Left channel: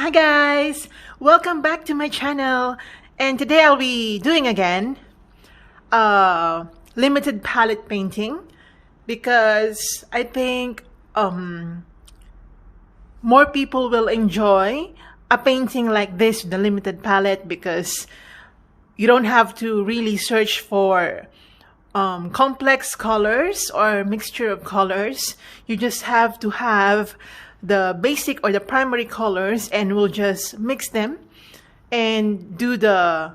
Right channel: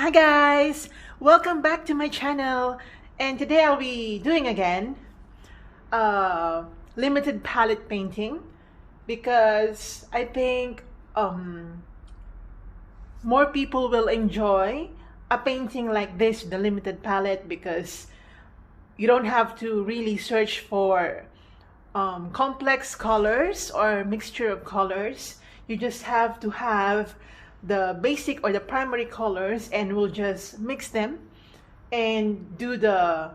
Hi guys, welcome back to my channel, and today I'll be doing again limited palette painting because I think more people will enjoy a painting like this, the limited palette, because you don't have to really search for complex colors or mixture of colors. You just have to have the basic or the primary colors, and we'll just mix them and do the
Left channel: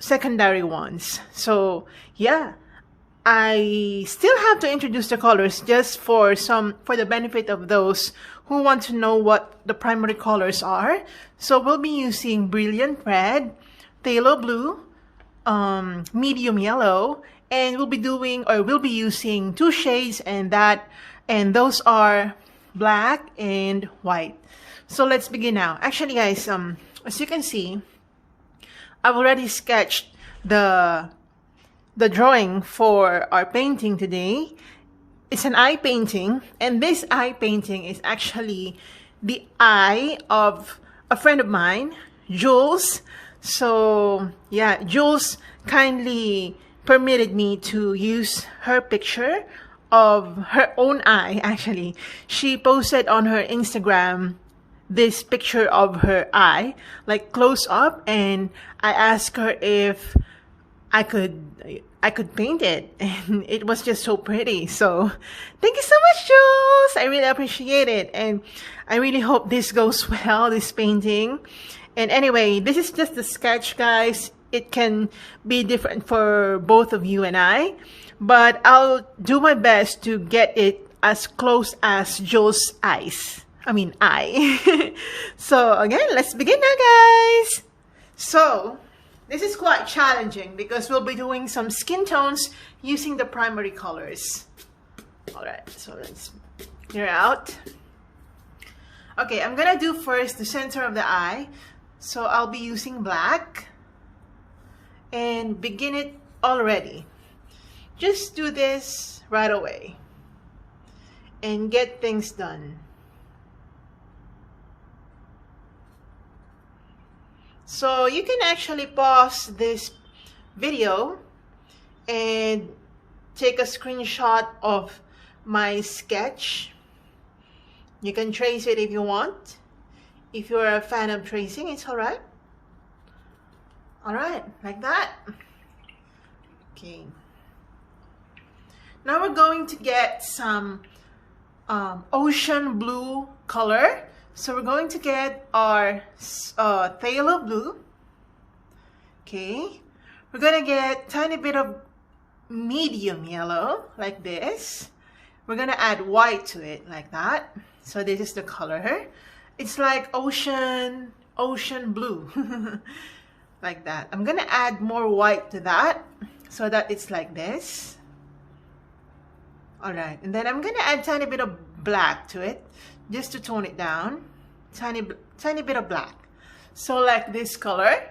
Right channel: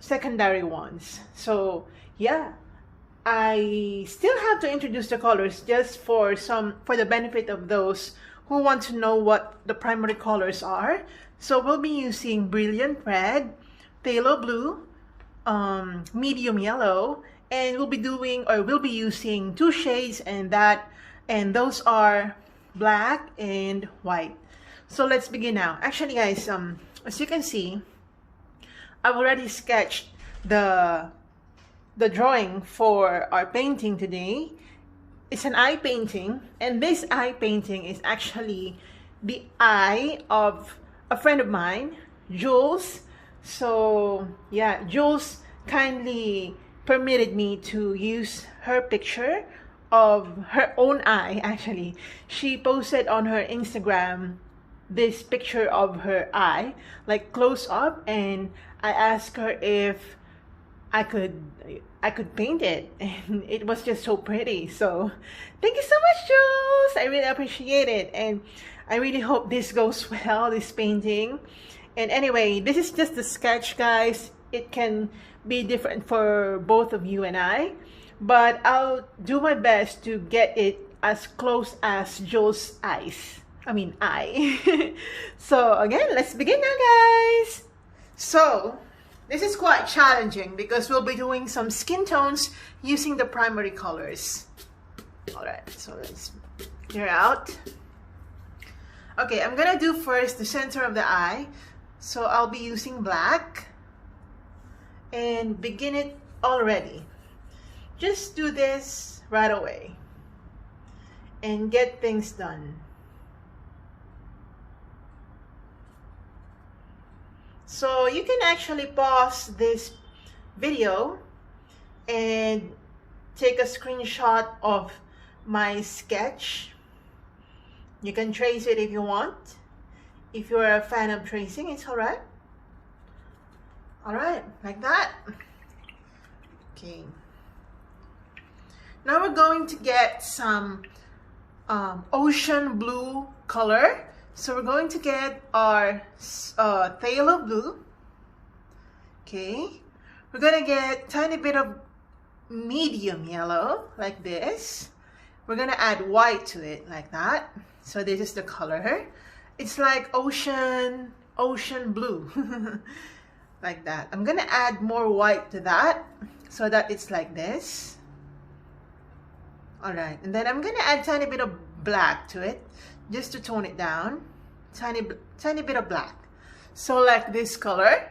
secondary ones. So yeah, I still have to introduce the colors just for the benefit of those who want to know what the primary colors are. So we'll be using brilliant red, phthalo blue, medium yellow, and we'll be using two shades, and those are black and white. So let's begin now. Actually guys, as you can see, I've already sketched the drawing for our painting today. It's an eye painting, and this eye painting is actually the eye of a friend of mine, Jules. So yeah, Jules kindly permitted me to use her picture of her own eye. Actually, she posted on her Instagram this picture of her eye, like close up, and I asked her if I could paint it, and it was just so pretty. So thank you so much, Jules. I really appreciate it, and I really hope this goes well, this painting. And anyway, this is just the sketch, guys. It can be different for both of you and I, but I'll do my best to get it as close as Jules' eyes. Eye. So again, let's begin now, guys. So this is quite challenging because we'll be doing some skin tones using the primary colors. All right, so let's clear out. Okay, I'm gonna do first the center of the eye. So I'll be using black and begin it already. Just do this right away and get things done. So you can actually pause this video and take a screenshot of my sketch. You can trace it if you want. If you're a fan of tracing, it's all right. All right, like that. Okay. Now we're going to get some ocean blue color. So we're going to get our phthalo blue. Okay. We're going to get a tiny bit of medium yellow, like this. We're going to add white to it, like that. So this is the color. It's like ocean blue. Like that. I'm going to add more white to that so that it's like this. All right. And then I'm going to add a tiny bit of black to it just to tone it down. Tiny bit of black. So like this color.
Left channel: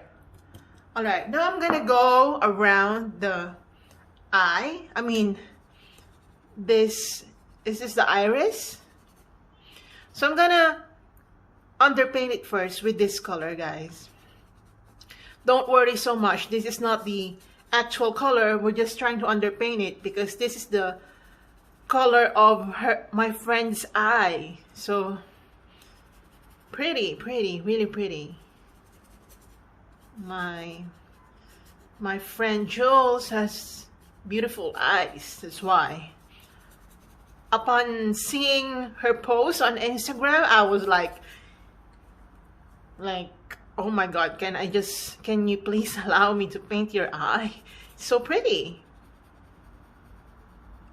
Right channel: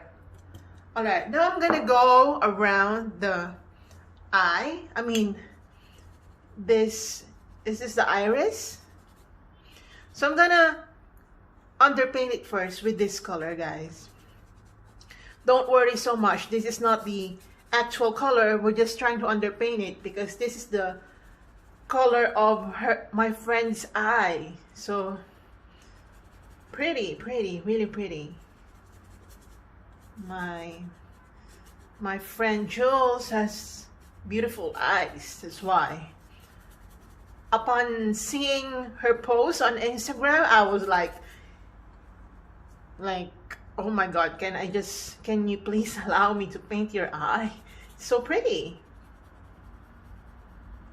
All right. Now I'm going to go around the eye. This is the iris. So I'm going to underpaint it first with this color, guys. Don't worry so much. This is not the actual color. We're just trying to underpaint it because this is the color of my friend's eye. So pretty, really pretty. My friend Jules has beautiful eyes. That's why. Upon seeing her post on Instagram, I was like, oh my God, can you please allow me to paint your eye? It's so pretty.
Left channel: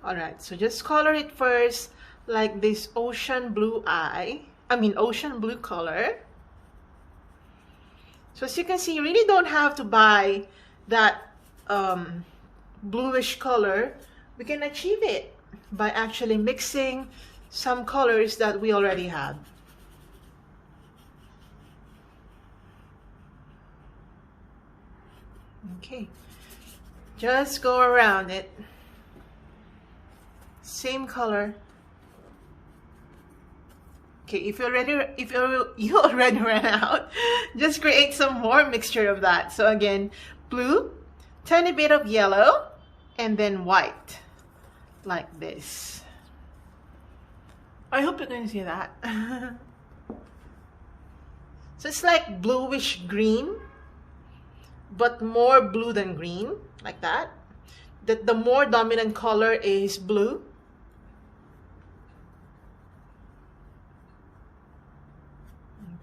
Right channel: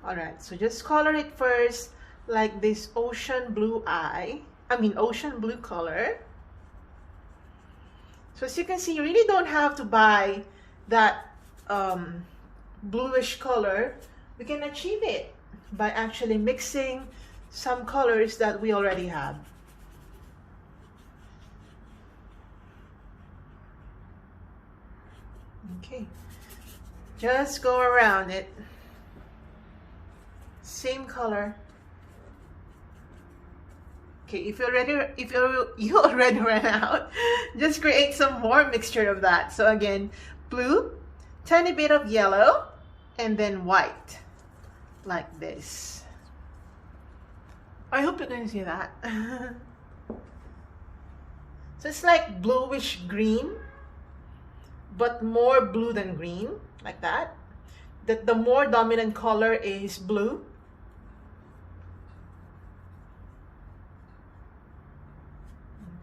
All right, so just color it first like this ocean blue ocean blue color. So as you can see, you really don't have to buy that bluish color. We can achieve it by actually mixing some colors that we already have. Okay, just go around it. Same color. Okay, you already ran out, just create some more mixture of that. So again, blue, tiny bit of yellow, and then white, like this. I hope you can see that. So it's like bluish green, but more blue than green, like that. The more dominant color is blue.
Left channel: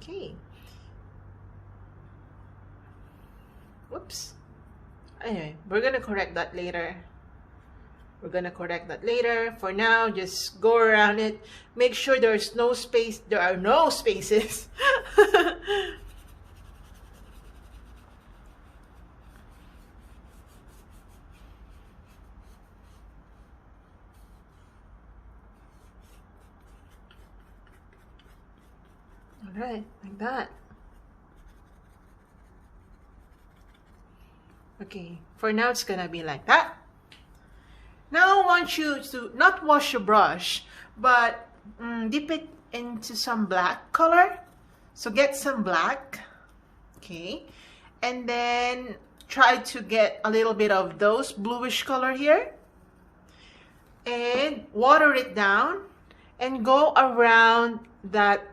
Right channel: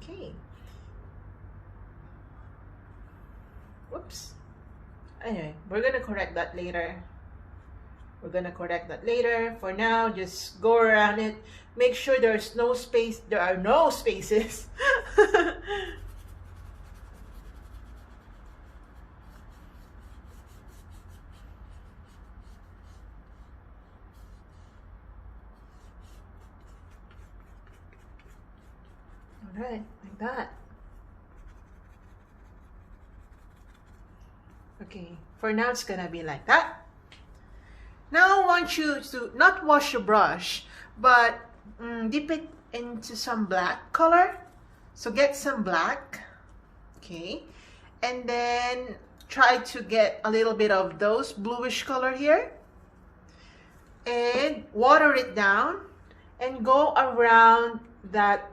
Okay. Whoops. Anyway, we're gonna correct that later. We're gonna correct that later. For now, just go around it. Make sure there's no space. There are no spaces. All right, like that. Okay, for now it's gonna be like that. Now I want you to not wash your brush, but dip it into some black color. So get some black, okay, and then try to get a little bit of those bluish color here, and water it down, and go around that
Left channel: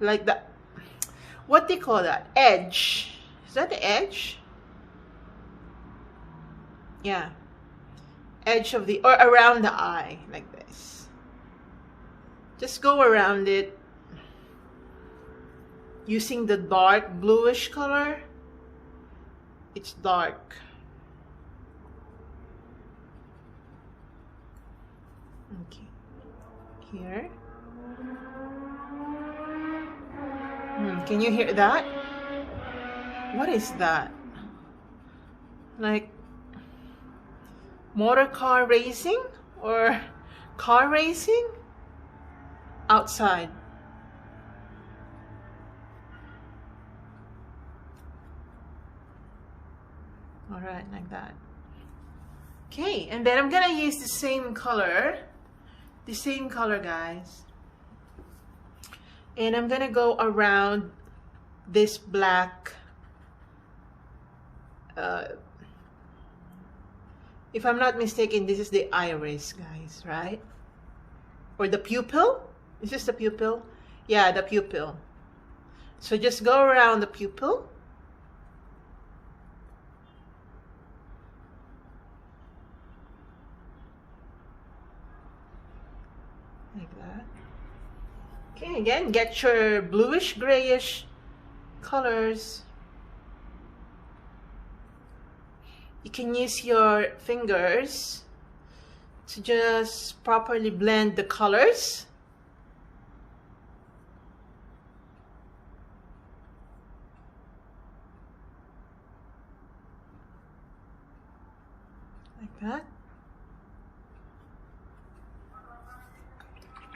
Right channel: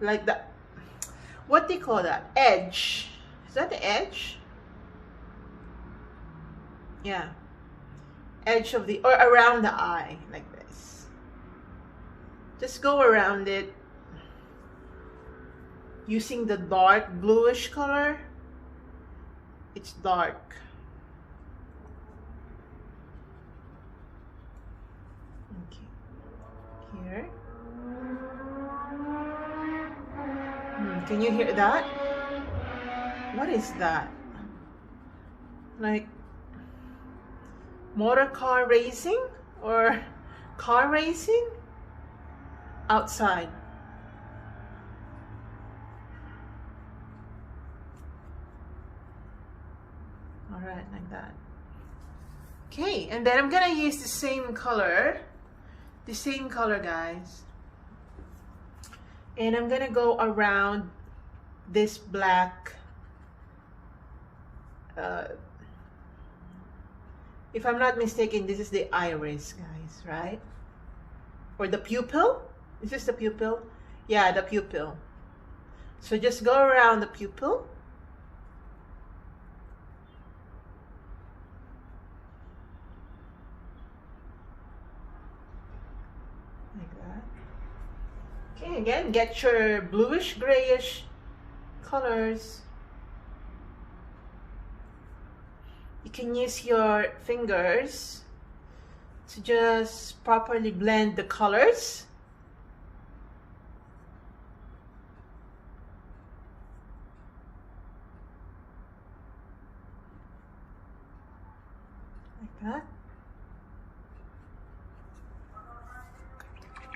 like that, what do you call that, edge? Is that the edge? Yeah, edge of the, or around the eye, like this. Just go around it using the dark bluish color. It's dark. Okay, here. Can you hear that? What is that? Like motor car racing or car racing outside? All right, like that. Okay, and then I'm gonna use the same color, guys. And I'm gonna go around this black, if I'm not mistaken, this is the iris, guys, right? Or the pupil? Is this the pupil? Yeah, the pupil. So just go around the pupil. Like that. Okay, again, get your bluish, grayish colors. You can use your fingers to just properly blend the colors. Like that.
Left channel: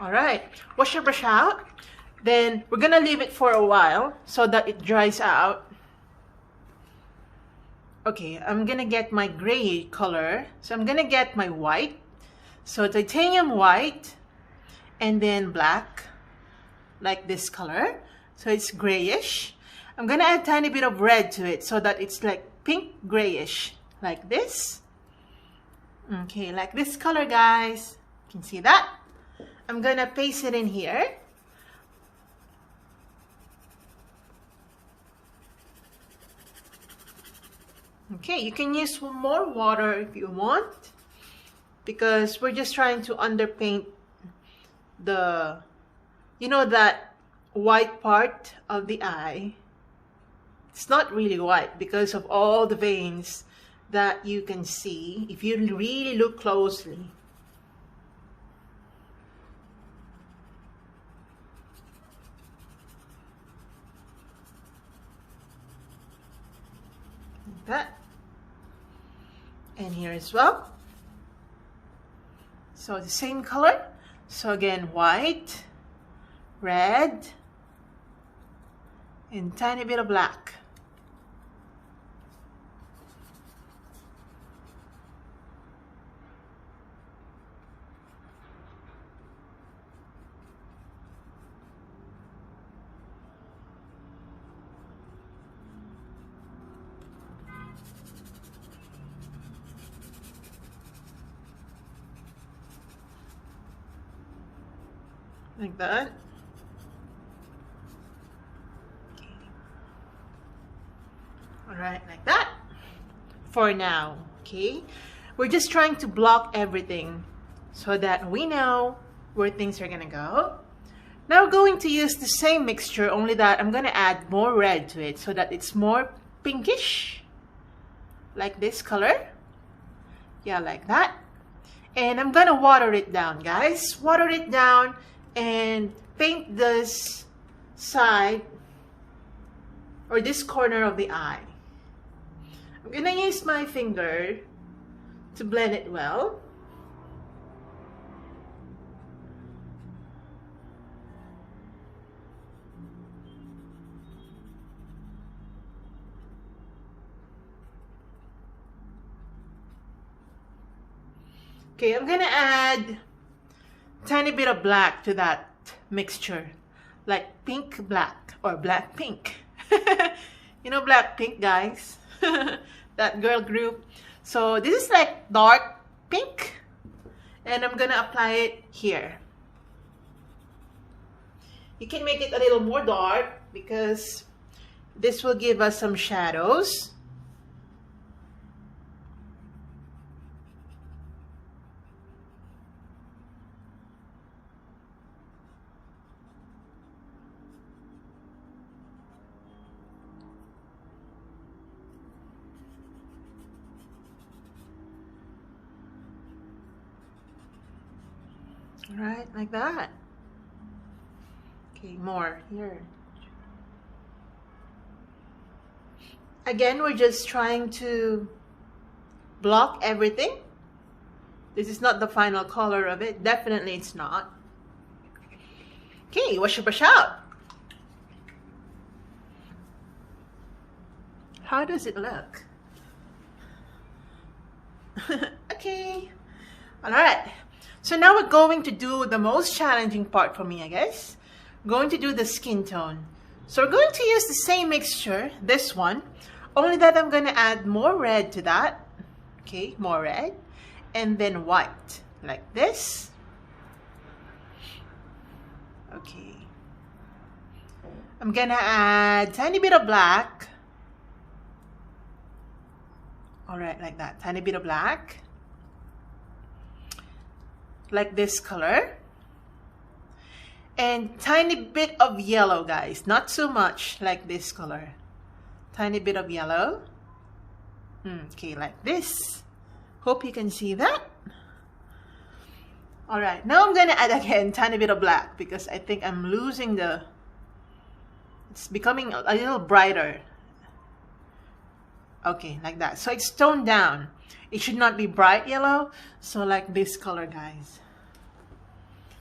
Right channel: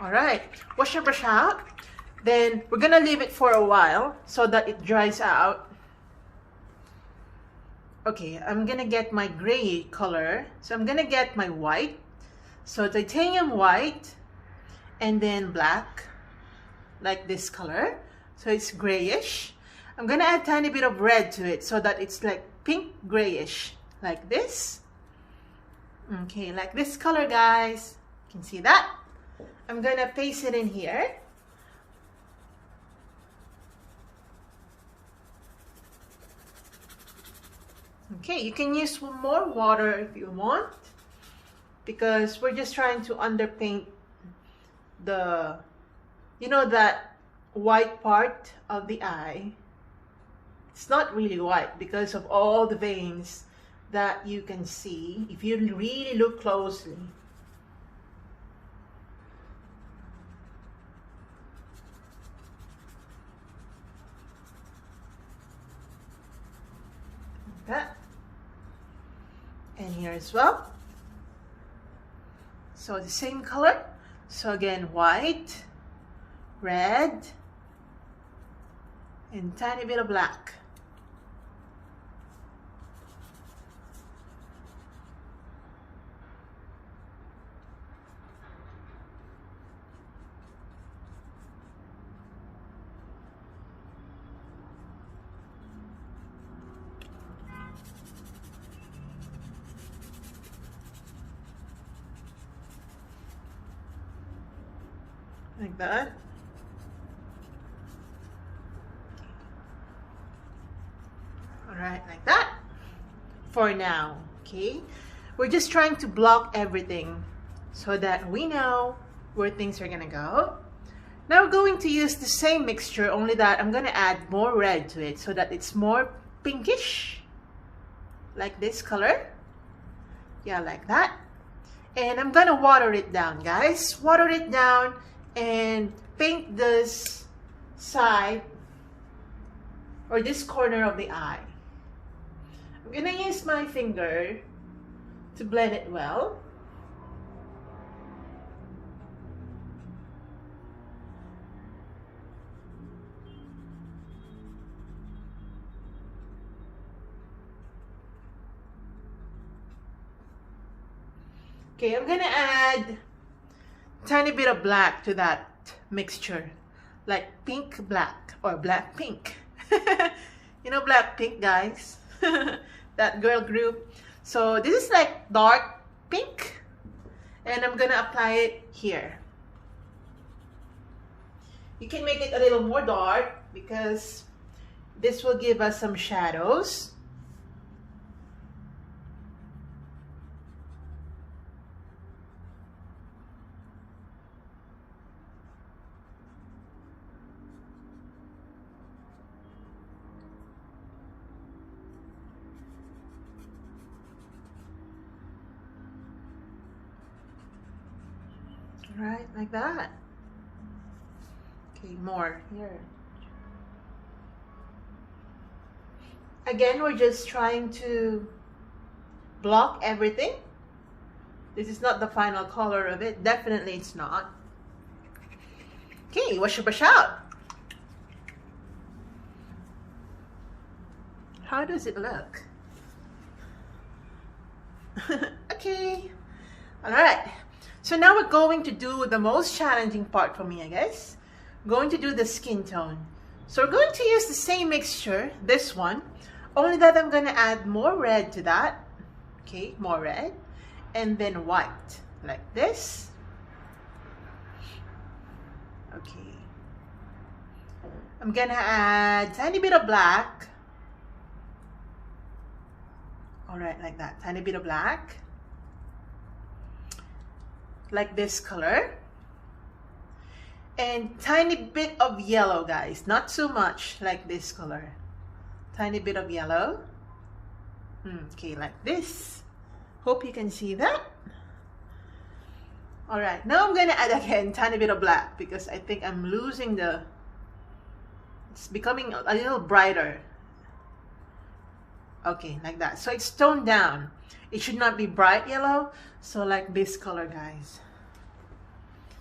All right, wash your brush out. Then we're gonna leave it for a while so that it dries out. Okay, I'm gonna get my gray color. So I'm gonna get my white. So titanium white and then black, like this color. So it's grayish. I'm gonna add a tiny bit of red to it so that it's like pink grayish, like this. Okay, like this color, guys. You can see that. I'm gonna paste it in here. Okay, you can use more water if you want, because we're just trying to underpaint the, you know, that white part of the eye. It's not really white because of all the veins that you can see if you really look closely. Like that. And here as well. So the same color. So again, white, red, and tiny bit of black. like that. All right, like that for now. Okay, we're just trying to block everything so that we know where things are gonna go. Now we're going to use the same mixture, only that I'm gonna add more red to it so that it's more pinkish, like this color. Yeah, like that. And I'm gonna water it down, guys. Water it down and paint this side or this corner of the eye. I'm gonna use my finger to blend it well. Okay, I'm gonna add a tiny bit of black to that mixture, like pink black or black pink. You know black pink, guys? That girl group. So this is like dark pink, and I'm gonna apply it here. You can make it a little more dark because this will give us some shadows. Right, like that. Okay, more here. Again, we're just trying to block everything. This is not the final color of it. Definitely it's not. Okay, wash your brush out. How does it look? Okay. All right. So now we're going to do the most challenging part for me, I guess. Going to do the skin tone. So we're going to use the same mixture, this one, only that I'm going to add more red to that. Okay, more red. And then white, like this. Okay. I'm going to add a tiny bit of black. All right, like that, tiny bit of black. Like this color, and tiny bit of yellow, guys, not too much, like this color, tiny bit of yellow. Okay, like this. Hope you can see that. All right, now I'm gonna add again tiny bit of black because I think I'm losing the, it's becoming a little brighter. Okay, like that. So it's toned down. It should not be bright yellow. So like this color, guys.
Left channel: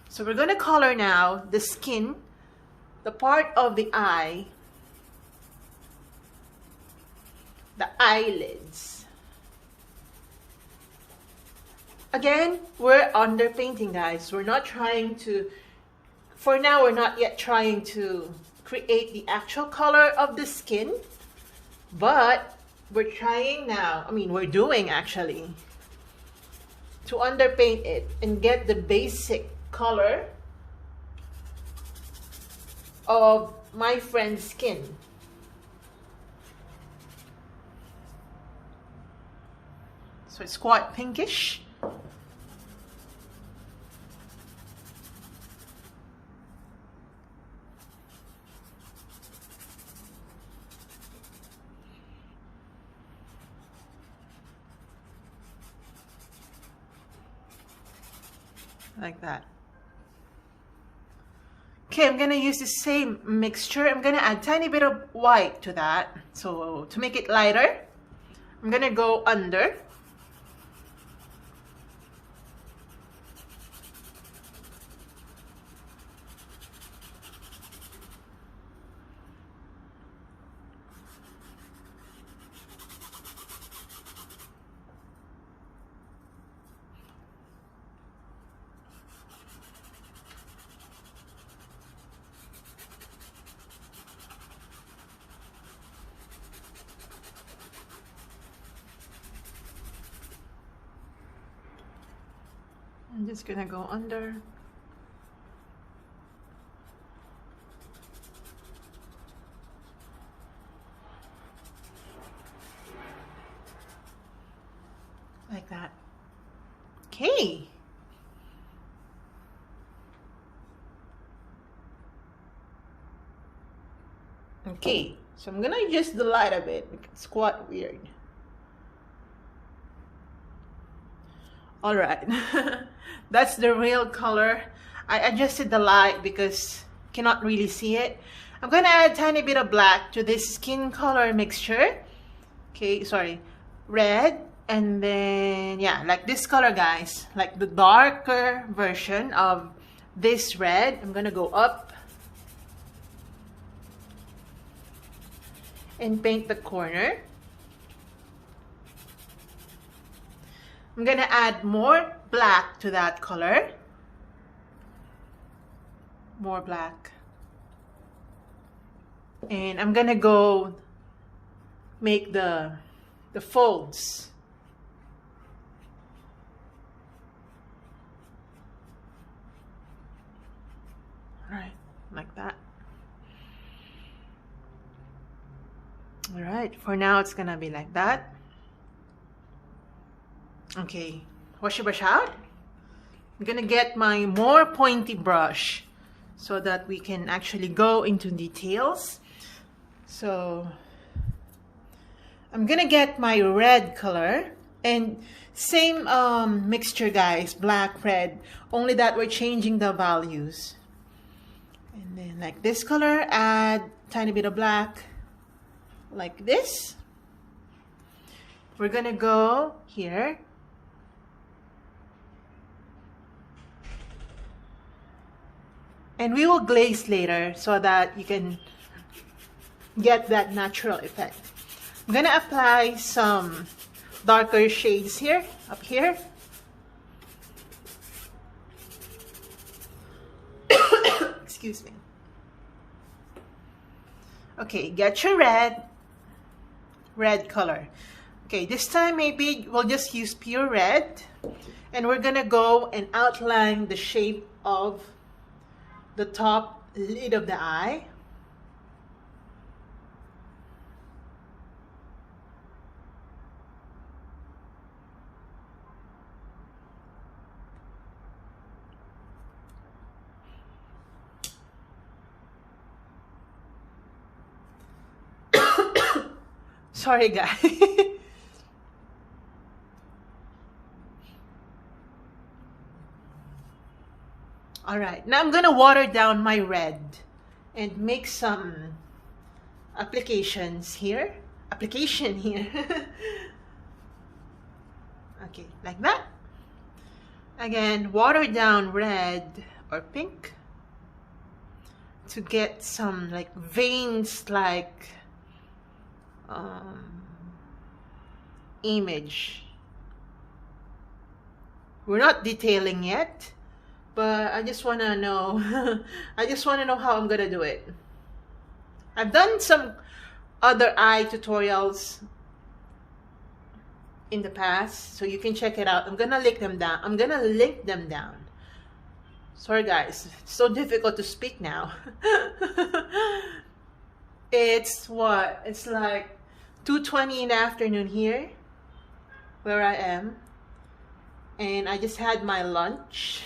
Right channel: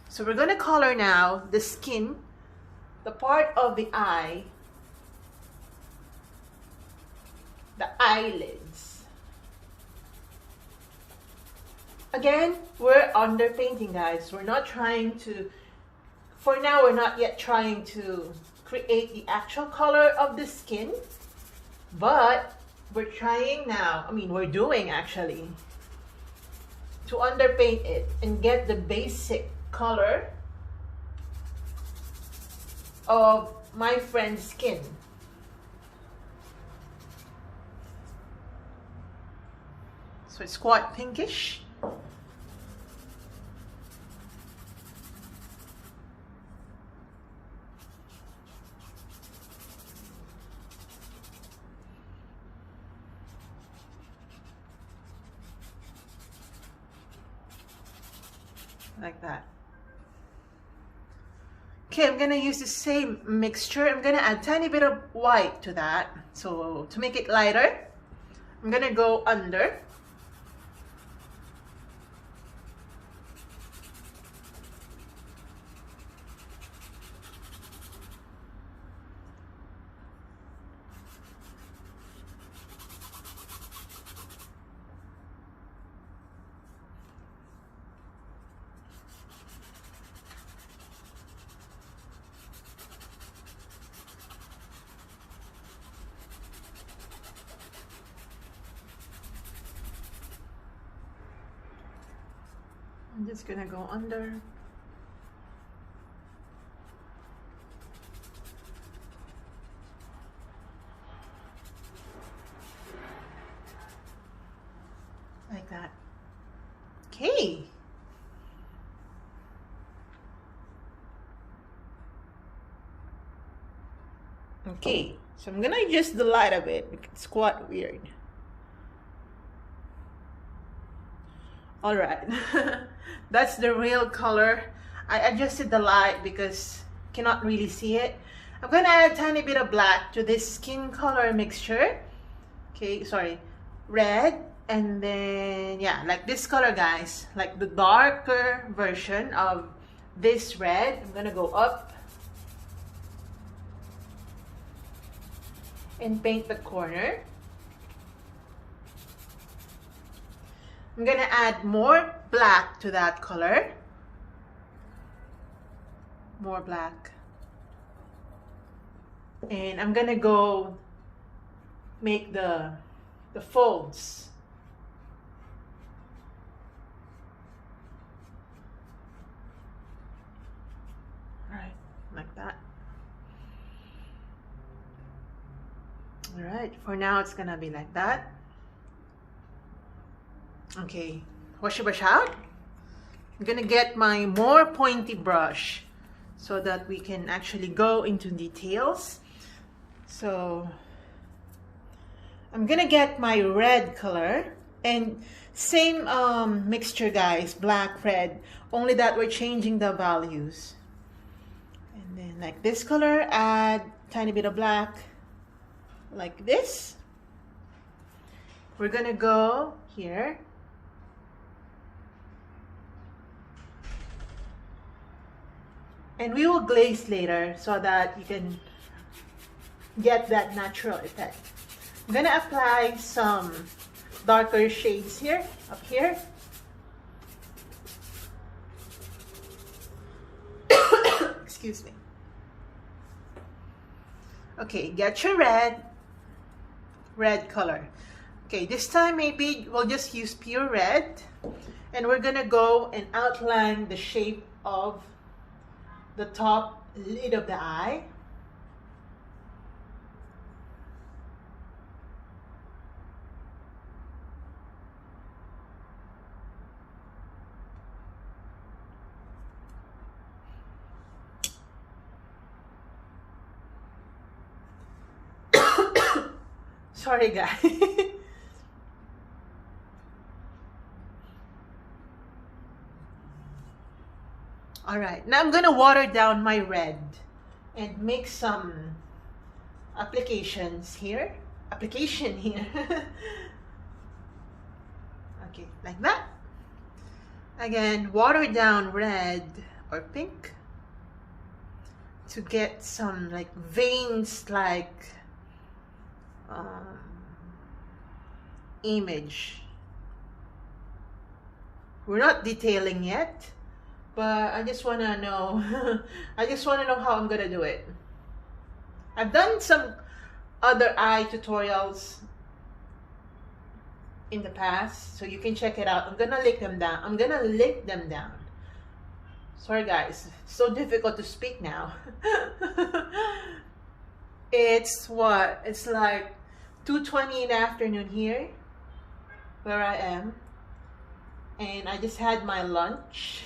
So we're going to color now the skin, the part of the eye, the eyelids. Again, we're underpainting, guys. We're not trying to, for now, we're not yet trying to create the actual color of the skin, but we're trying now, we're doing actually, to underpaint it and get the basic color of my friend's skin. So it's quite pinkish. Like that. Okay, I'm gonna use the same mixture. I'm gonna add a tiny bit of white to that. So to make it lighter, I'm gonna go under. I'm just gonna go under. Okay. Okay, so I'm gonna adjust the light a bit because it's quite weird. All right, that's the real color. I adjusted the light because you cannot really see it. I'm gonna add a tiny bit of black to this skin color mixture. Okay, sorry, red, and then yeah, like this color, guys, like the darker version of this red. I'm gonna go up and paint the corner. I'm gonna add more black to that color. More black. And I'm gonna go make the folds. All right, like that. All right, for now it's gonna be like that. Okay, wash your brush out. I'm gonna get my more pointy brush so that we can actually go into details. So I'm gonna get my red color, and same mixture, guys, black, red, only that we're changing the values. And then like this color, add tiny bit of black like this. We're gonna go here. And we will glaze later so that you can get that natural effect. I'm gonna apply some darker shades here, up here. Excuse me. Okay, get your red color. Okay, this time maybe we'll just use pure red, and we're gonna go and outline the shape of the top lid of the eye. Sorry, guys. All right, now I'm gonna water down my red and make some application here. Okay, like that. Again, water down red or pink to get some like veins, like image. We're not detailing yet, but I just want to know I just want to know how I'm gonna do it. I've done some other eye tutorials in the past, so you can check it out. I'm gonna link them down. Sorry guys, it's so difficult to speak now. It's what? It's like 2:20 in the afternoon here where I am, and I just had my lunch.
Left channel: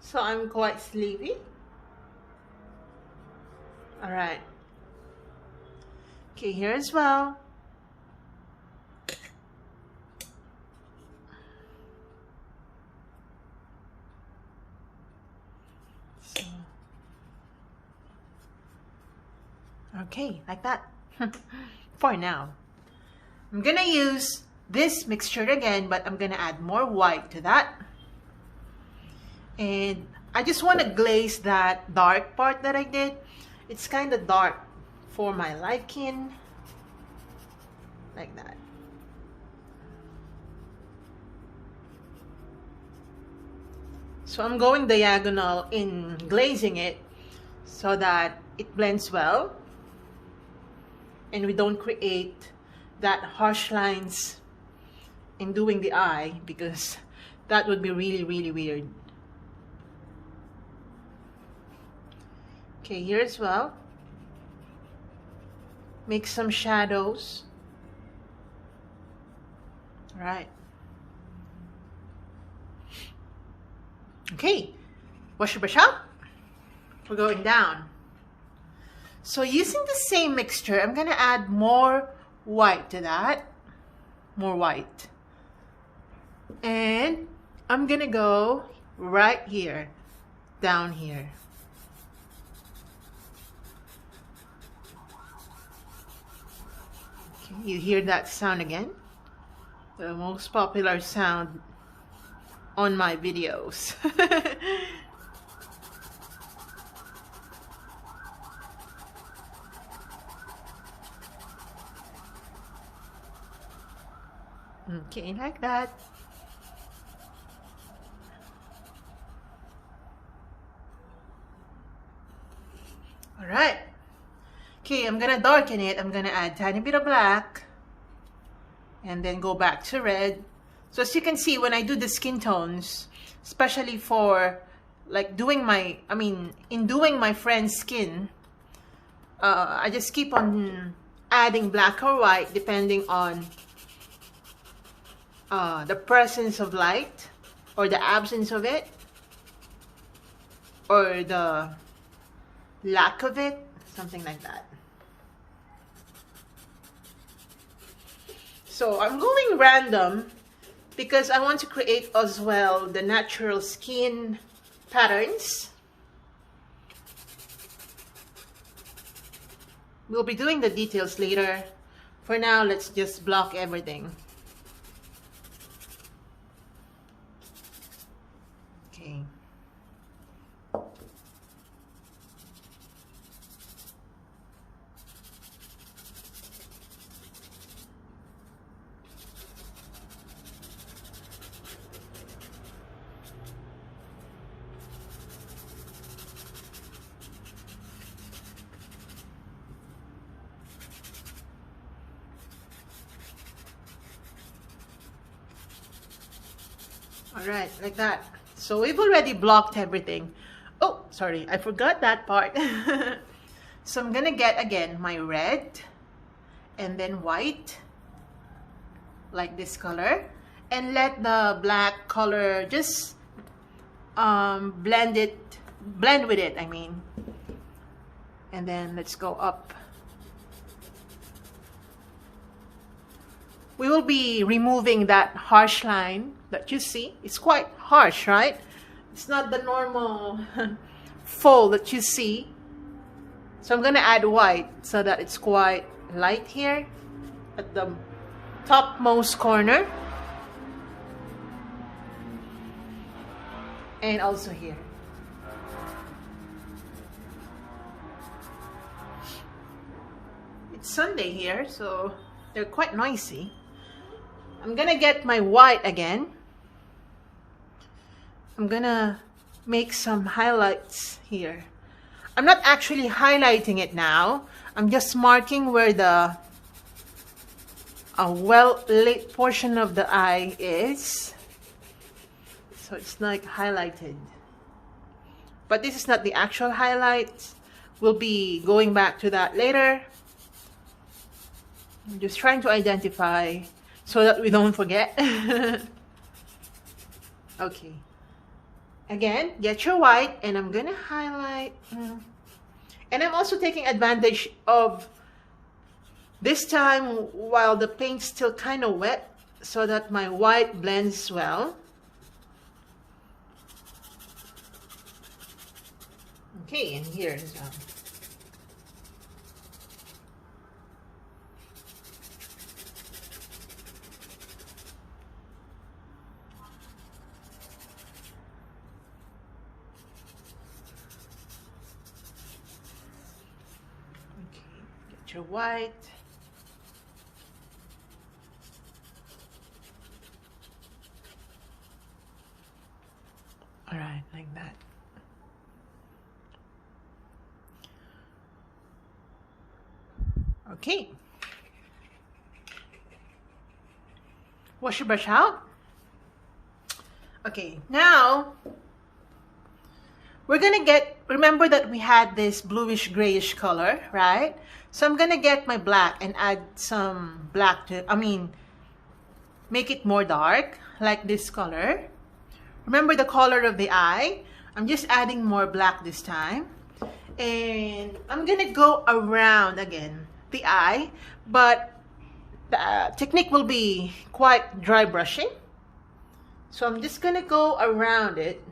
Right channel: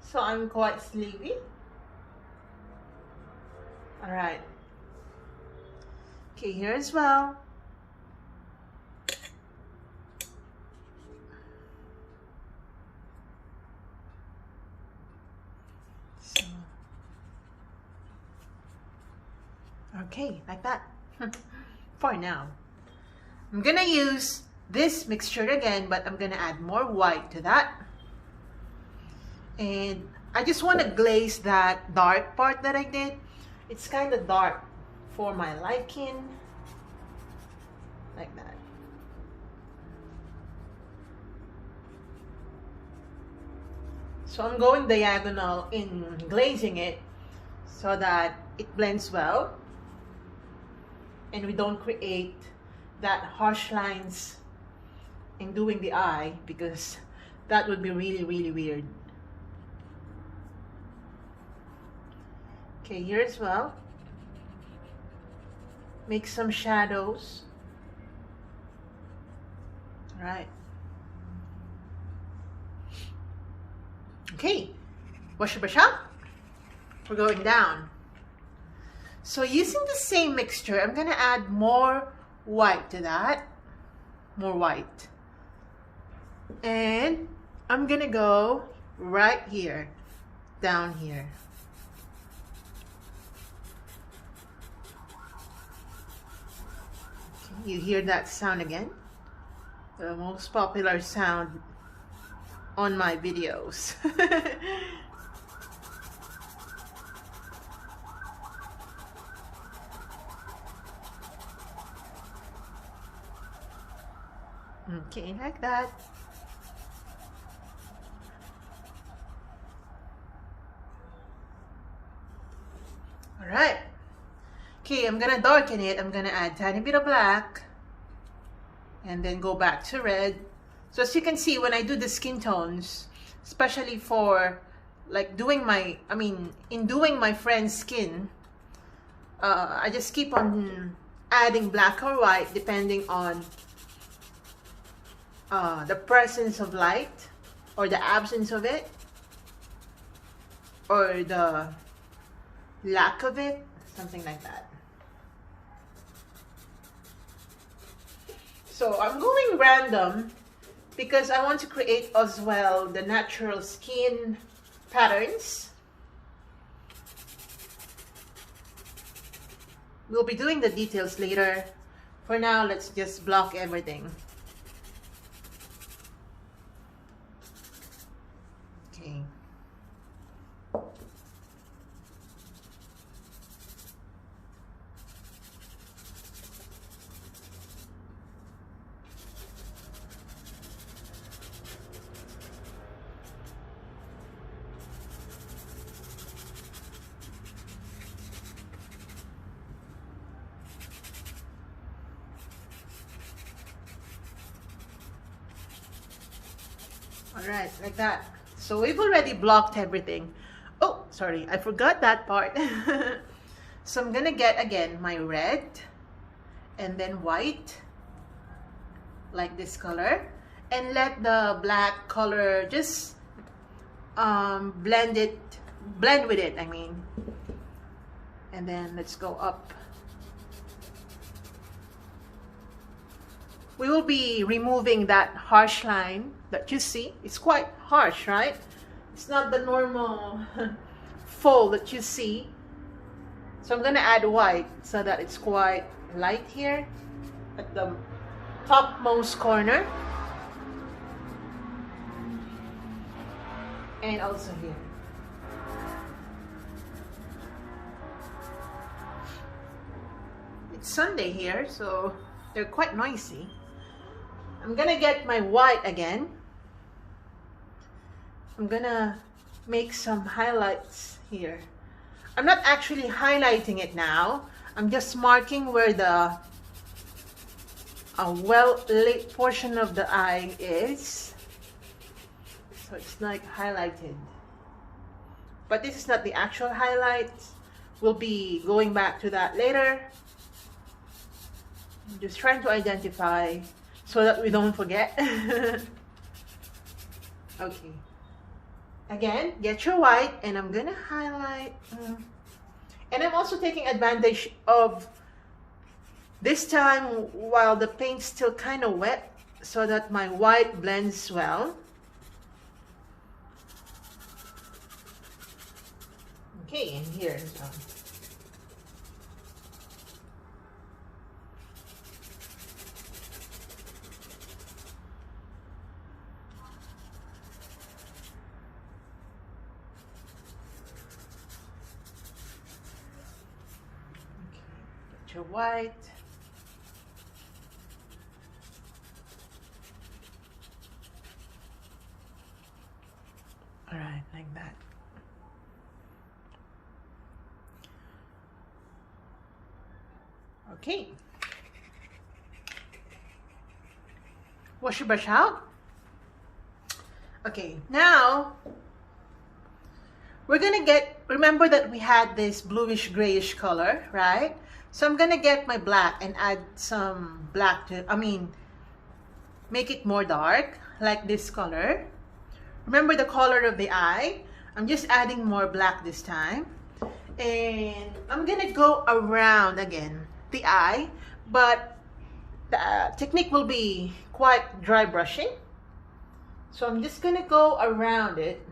So I'm quite sleepy. All right. Okay, here as well. So, okay, like that. For now. I'm gonna use this mixture again, but I'm gonna add more white to that. And I just want to glaze that dark part that I did. It's kind of dark for my liking, like that. So I'm going diagonal in glazing it so that it blends well and we don't create that harsh lines in doing the eye, because that would be really, really weird. Okay, here as well. Make some shadows. All right. Okay, wash your brush out. We're going down. So using the same mixture, I'm gonna add more white to that. More white. And I'm gonna go right here, down here. Okay, you hear that sound again? The most popular sound on my videos. Okay, like that. All right. Okay, I'm gonna darken it. I'm gonna add a tiny bit of black and then go back to red. So as you can see, when I do the skin tones, especially for like doing my, in doing my friend's skin, I just keep on adding black or white depending on the presence of light or the absence of it or the lack of it, something like that. So I'm going random because I want to create as well the natural skin patterns. We'll be doing the details later. For now, let's just block everything. Okay. Alright, like that. So we've already blocked everything. Oh, sorry, I forgot that part. So I'm gonna get again my red and then white, like this color, and let the black color just blend with it, and then let's go up. We will be removing that harsh line that you see. It's quite harsh, right? It's not the normal fold that you see. So I'm gonna add white so that it's quite light here at the topmost corner. And also here. It's Sunday here, so they're quite noisy. I'm gonna get my white again. I'm gonna make some highlights here. I'm not actually highlighting it now. I'm just marking where the well-lit portion of the eye is. So it's like highlighted. But this is not the actual highlight. We'll be going back to that later. I'm just trying to identify so that we don't forget. Okay. Again, get your white, and I'm gonna highlight. And I'm also taking advantage of this time while the paint's still kind of wet so that my white blends well. Okay, and here as well. Your white. All right, like that. Okay. Wash your brush out. Okay, now we're gonna remember that we had this bluish grayish color, right? So I'm gonna get my black and add some black to, make it more dark, like this color. Remember the color of the eye? I'm just adding more black this time. And I'm gonna go around again the eye, but the technique will be quite dry brushing. So I'm just gonna go around it.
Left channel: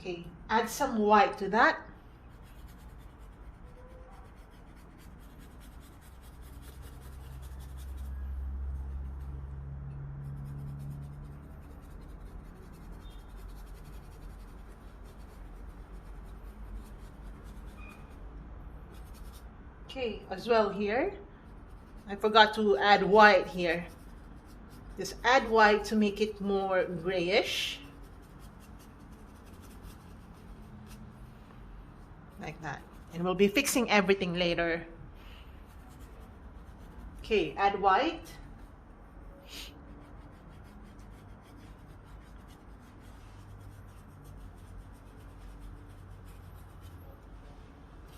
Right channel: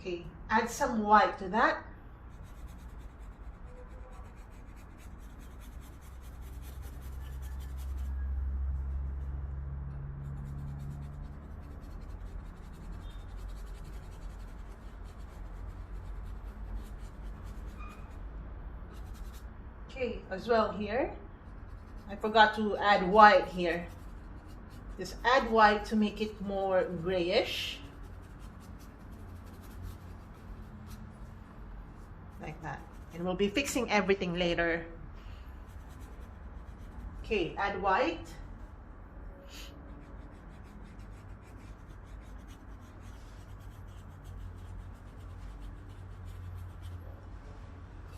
Okay, add some white to that. Okay, as well here. I forgot to add white here. Just add white to make it more grayish. Like that. And we'll be fixing everything later. Okay, add white.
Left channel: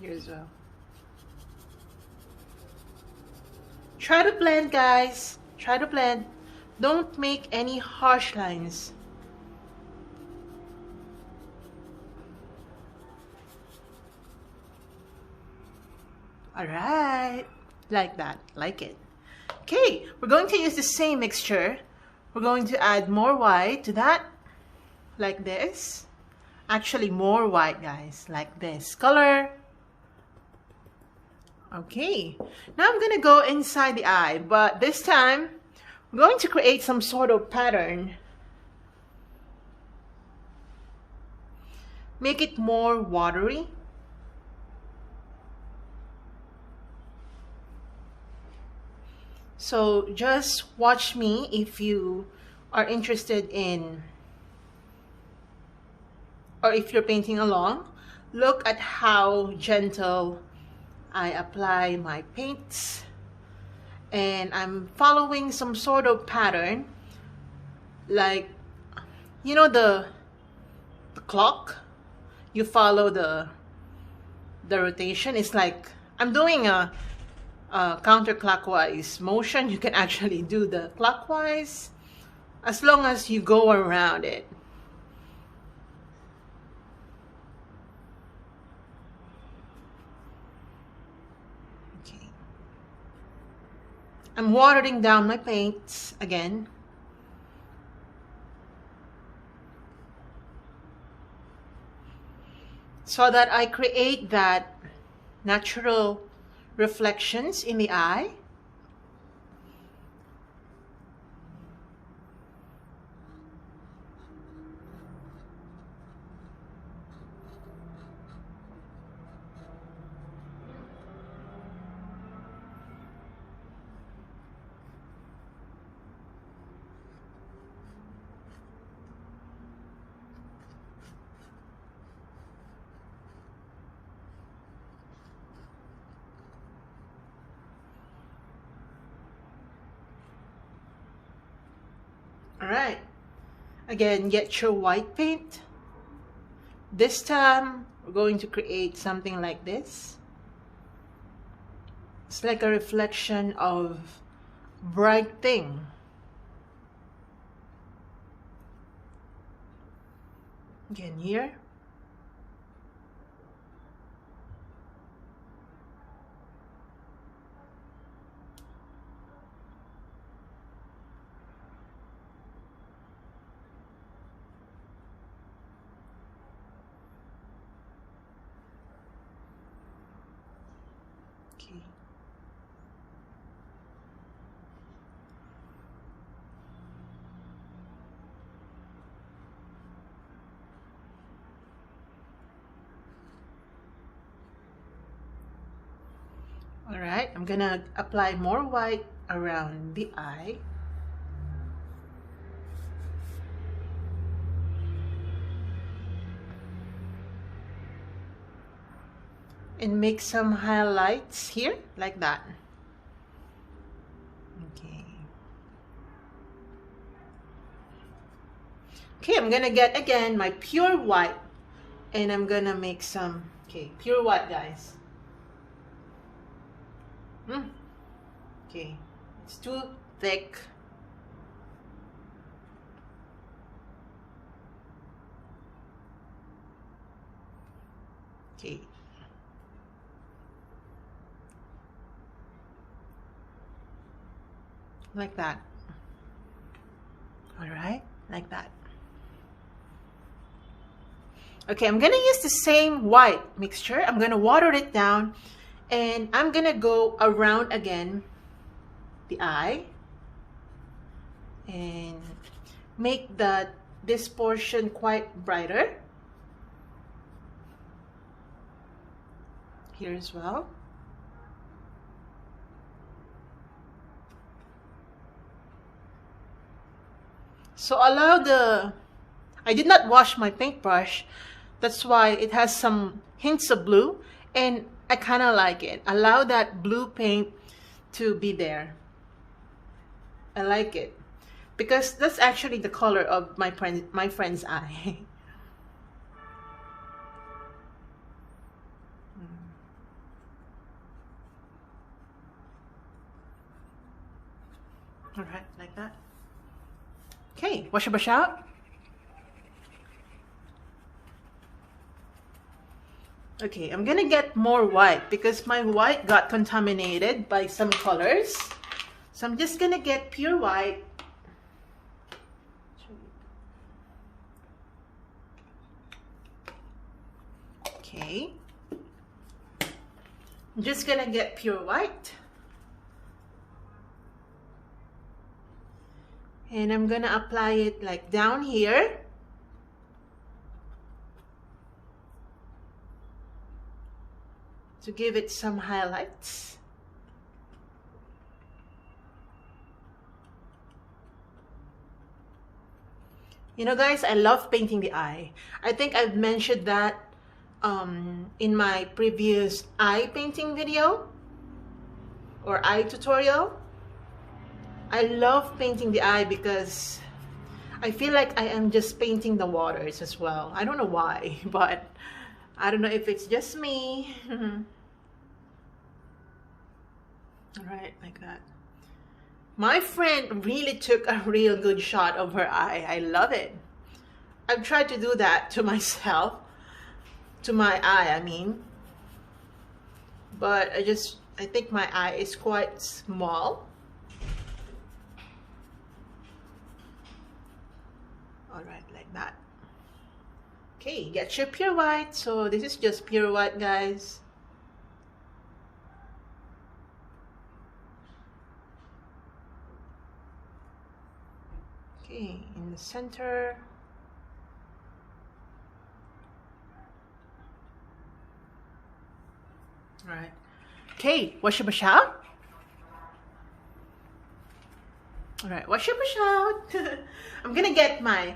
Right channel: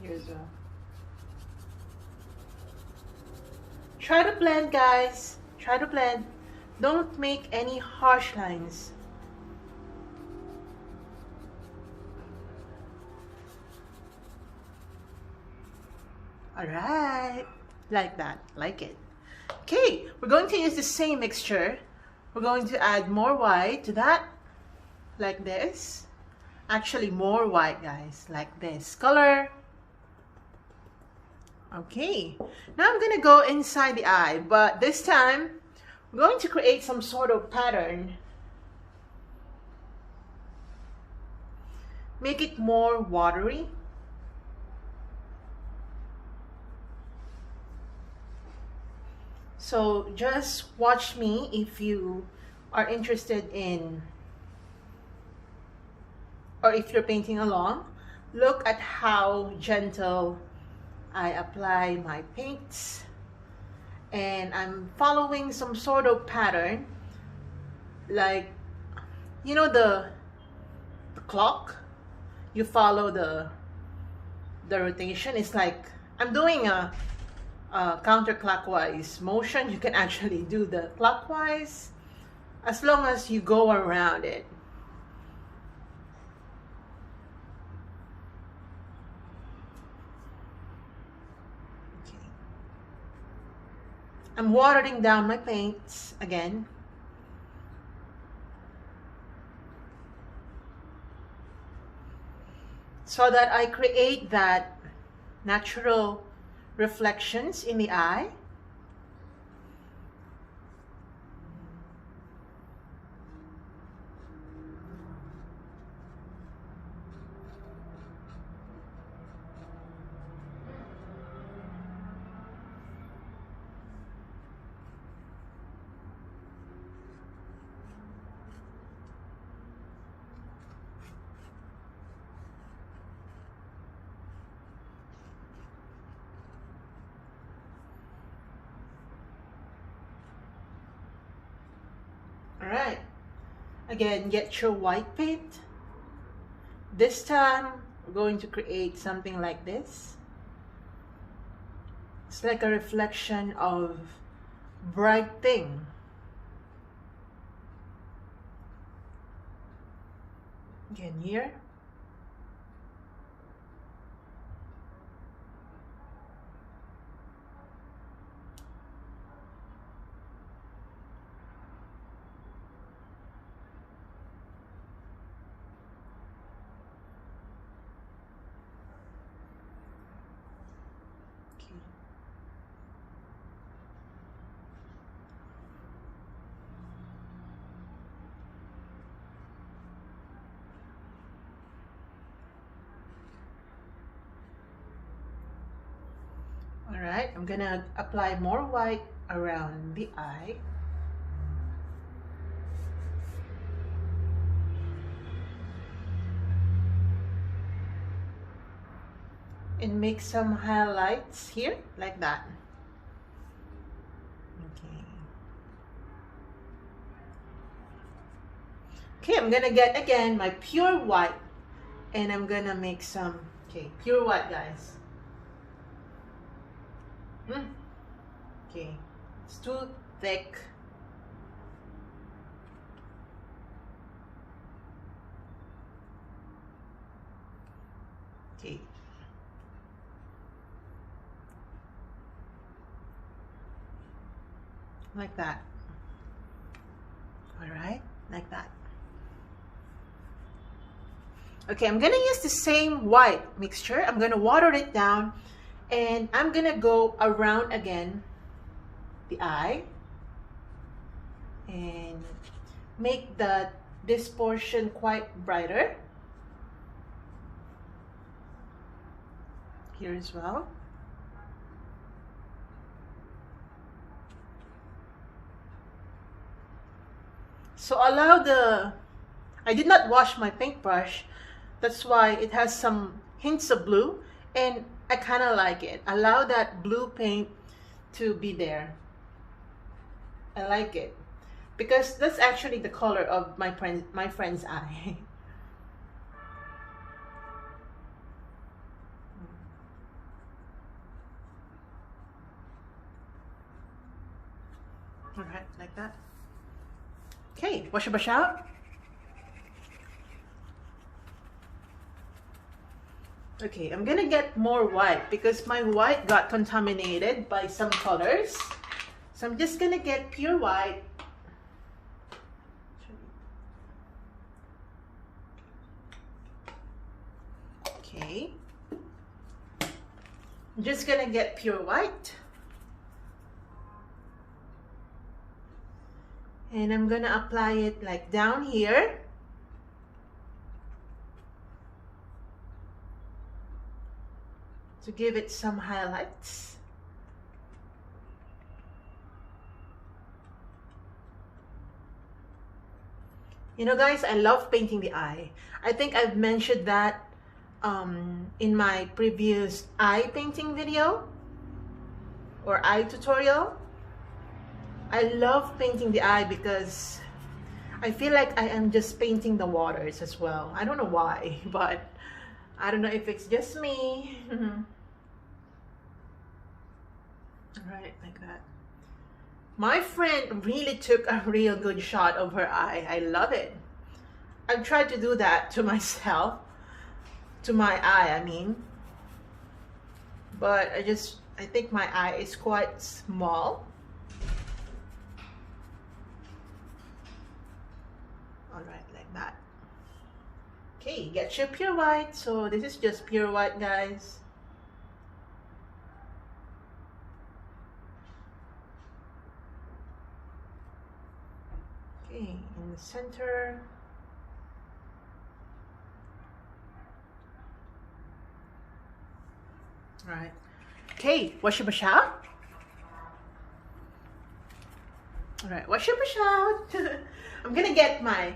Here's a... Try to blend, guys. Try to blend. Don't make any harsh lines. Alright, like that, like it. Okay, we're going to use the same mixture. We're going to add more white to that, like this. Actually, more white, guys, like this color. Okay, now I'm gonna go inside the eye, but this time, I'm going to create some sort of pattern. Make it more watery. So just watch me if you are interested in, or if you're painting along. Look at how gentle I apply my paints, and I'm following some sort of pattern, like, you know, the clock. You follow the rotation. It's like I'm doing a counterclockwise motion. You can actually do the clockwise as long as you go around it. Okay. I'm watering down my paints again. So that I create that natural reflections in the eye. Alright, again, get your white paint. This time, we're going to create something like this. It's like a reflection of bright thing. Again, here. Alright, I'm gonna apply more white around the eye. And make some highlights here, like that. Okay. Okay, I'm gonna get again my pure white, and I'm gonna make some, okay, pure white, guys. Okay, it's too thick. Okay. Like that. All right, like that. Okay, I'm gonna use the same white mixture. I'm gonna water it down, and I'm gonna go around again the eye and make this portion quite brighter. Here as well. So I did not wash my paintbrush. That's why it has some hints of blue, and I kind of like it. Allow that blue paint to be there. I like it because that's actually the color of my friend's eye. All right, like that. Okay, wash your brush out. Okay, I'm gonna get more white because my white got contaminated by some colors. So I'm just gonna get pure white. Okay. I'm just gonna get pure white. And I'm gonna apply it like down here. To give it some highlights. You know, guys, I love painting the eye. I think I've mentioned that in my previous eye painting video or eye tutorial. I love painting the eye because I feel like I am just painting the waters as well. I don't know why, but I don't know if it's just me. All right, like that. My friend really took a real good shot of her eye. I love it. I've tried to do that to myself, to my eye, I mean. But I think my eye is quite small. All right, like that. Okay, get your pure white. So this is just pure white, guys. Okay, in the center. All right. Okay, wash your brush out. All right, wash your brush out. I'm gonna get my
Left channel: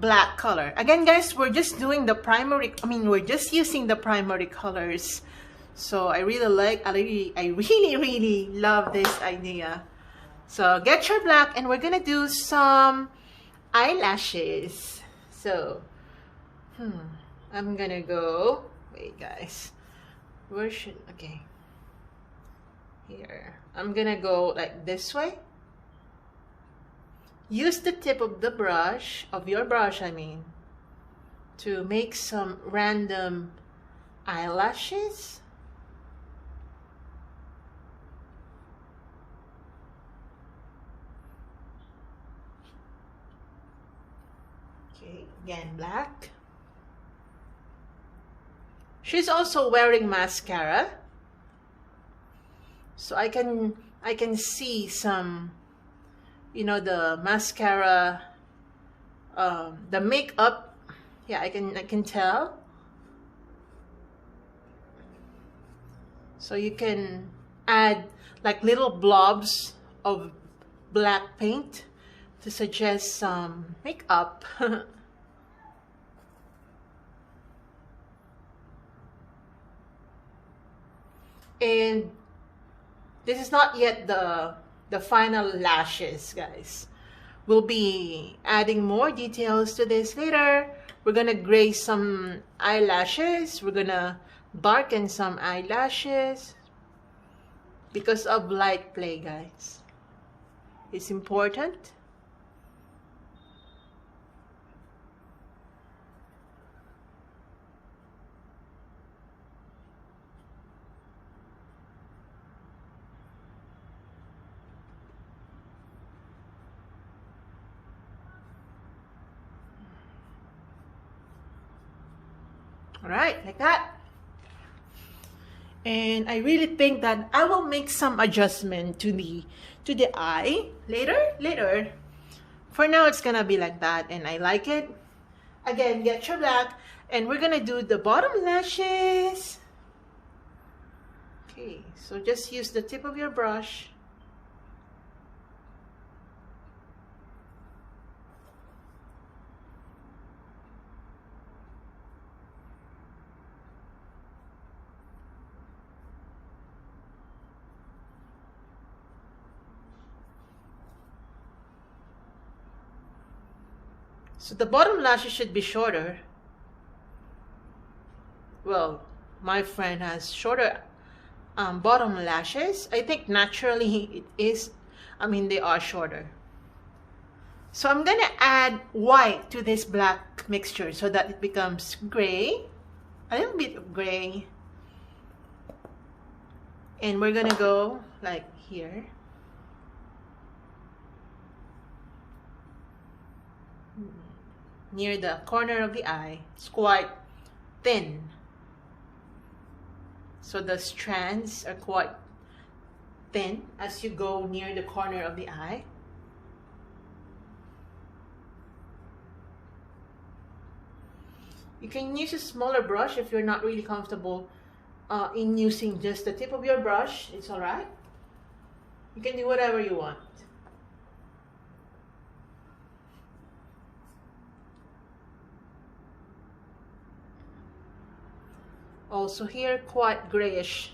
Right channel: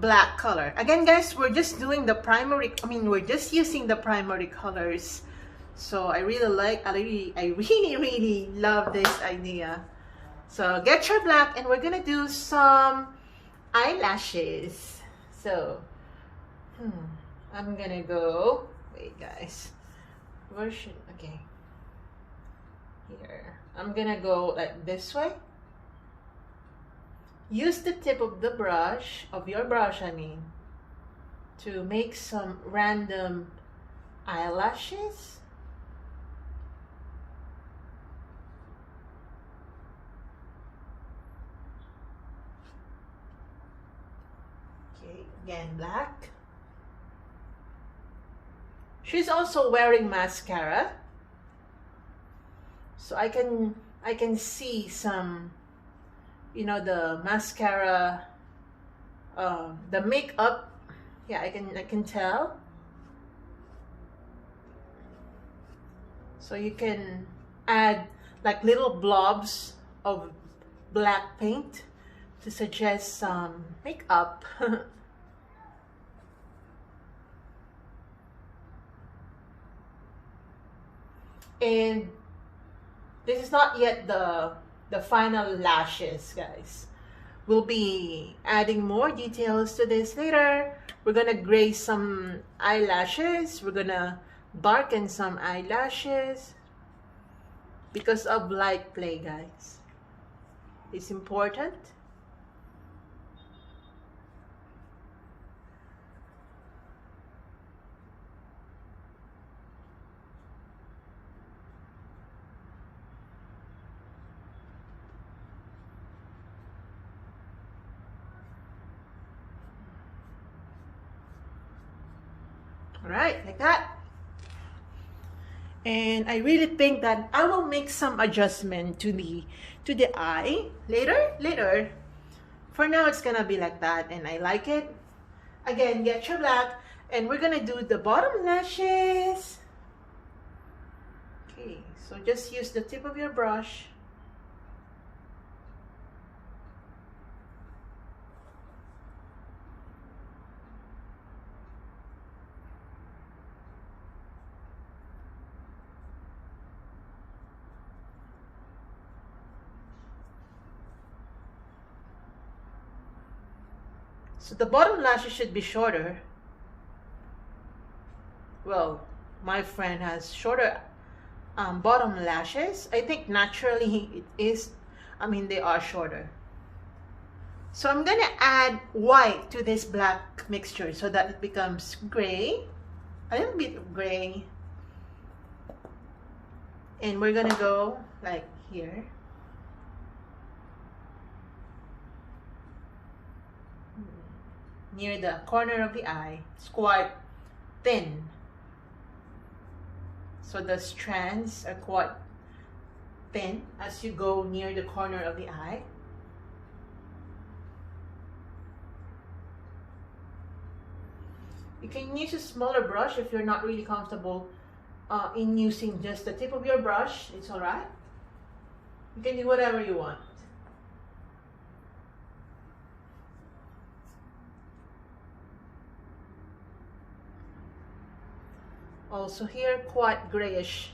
black color. Again, guys, we're just doing the primary, we're just using the primary colors. So I really love this idea. So get your black, and we're gonna do some eyelashes. So, I'm gonna go, wait guys, okay, here. I'm gonna go like this way. Use the tip of the brush, to make some random eyelashes. Okay, again, black. She's also wearing mascara. So I can see some, the mascara, the makeup. Yeah, I can tell. So you can add like little blobs of black paint to suggest some makeup. And this is not yet the final lashes, guys. We'll be adding more details to this later. We're gonna graze some eyelashes. We're gonna darken some eyelashes because of light play, guys. It's important. All right, like that. And I really think that I will make some adjustment to the eye later. For now, it's gonna be like that, and I like it. Again, get your black, and we're gonna do the bottom lashes. Okay, so just use the tip of your brush. So the bottom lashes should be shorter. Well, my friend has shorter bottom lashes. I think naturally it is, I mean, they are shorter. So I'm gonna add white to this black mixture so that it becomes gray, a little bit of gray. And we're gonna go like here. Near the corner of the eye. It's quite thin. So the strands are quite thin as you go near the corner of the eye. You can use a smaller brush if you're not really comfortable in using just the tip of your brush. It's alright. You can do whatever you want. Also here, quite grayish.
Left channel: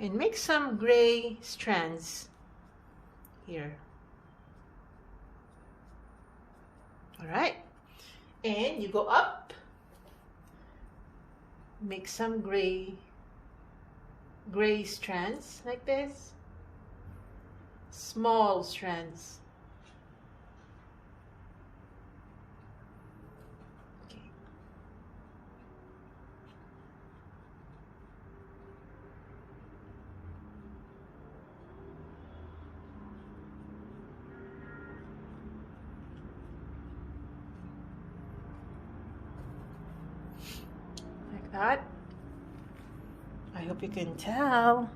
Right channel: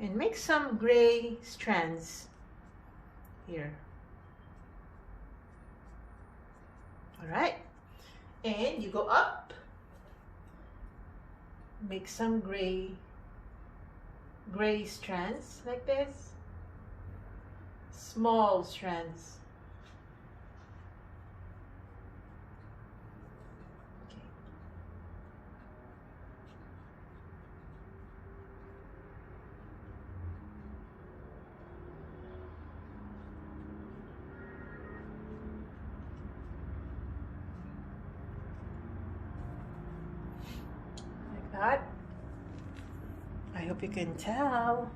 And make some gray strands here. All right, and you go up, make some gray strands like this, small strands. Okay. Like that. I hope you can tell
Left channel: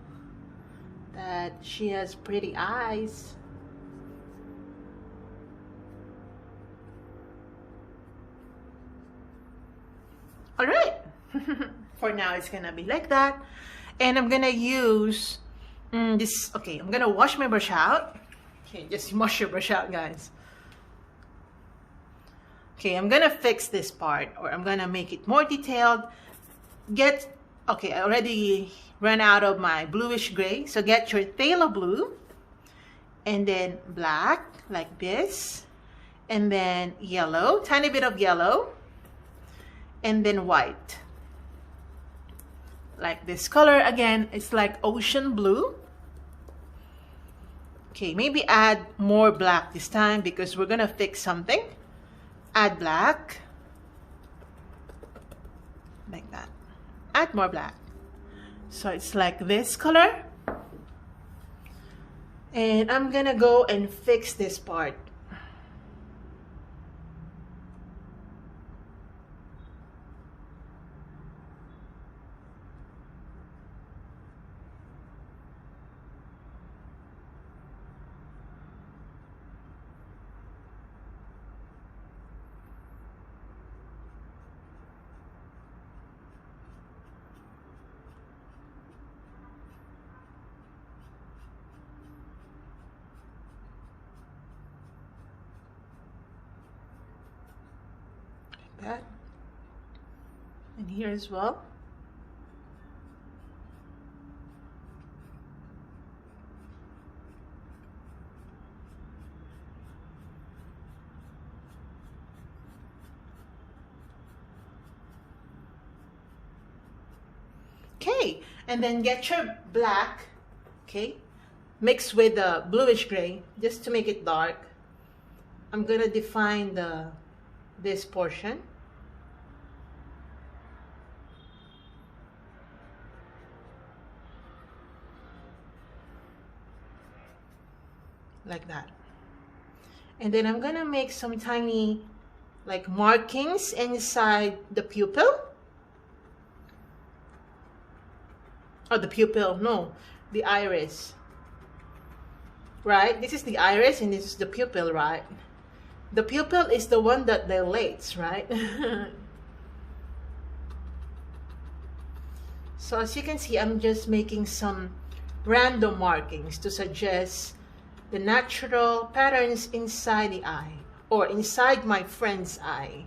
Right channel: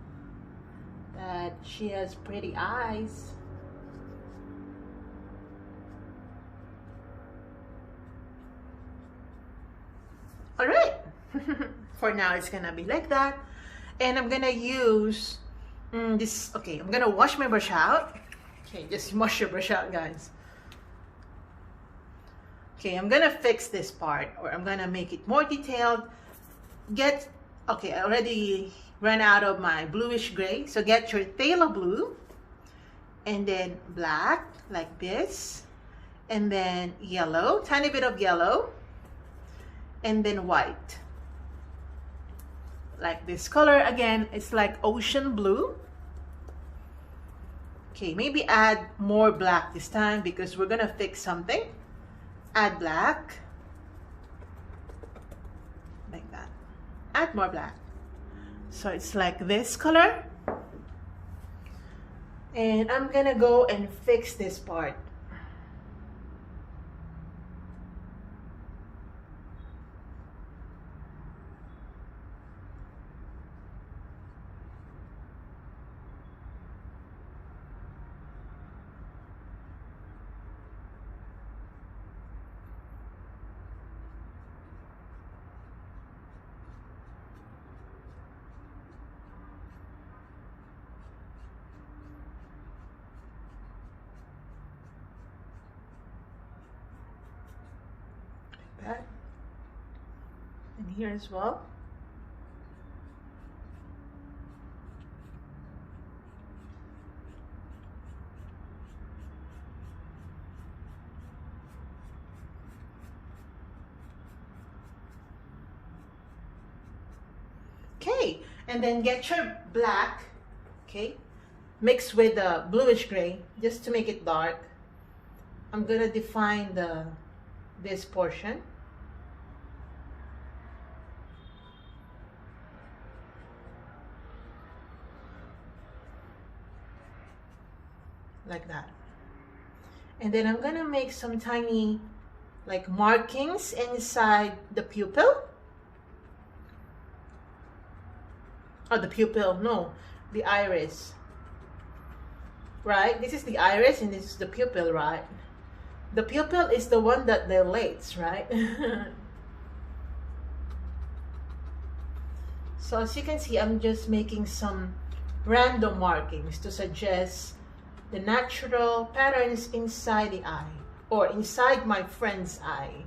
that she has pretty eyes. All right. For now, it's gonna be like that. And I'm gonna use this. Okay, I'm gonna wash my brush out. Okay, just wash your brush out, guys. Okay, I'm gonna fix this part, or I'm gonna make it more detailed. Okay, I already ran out of my bluish gray, so get your phthalo blue, and then black, like this, and then yellow, tiny bit of yellow, and then white. Like this color, again, it's like ocean blue. Okay, maybe add more black this time because we're gonna fix something. Add black, like that. Add more black. So it's like this color. And I'm gonna go and fix this part. here as well. Okay, and then get your black, okay, mix with the bluish gray just to make it dark. I'm gonna define this portion. Like that. And then I'm gonna make some tiny like markings inside the pupil. Oh, the pupil, no, the iris. Right? This is the iris and this is the pupil, right? The pupil is the one that dilates, right? So as you can see, I'm just making some random markings to suggest the natural patterns inside the eye or inside my friend's eye.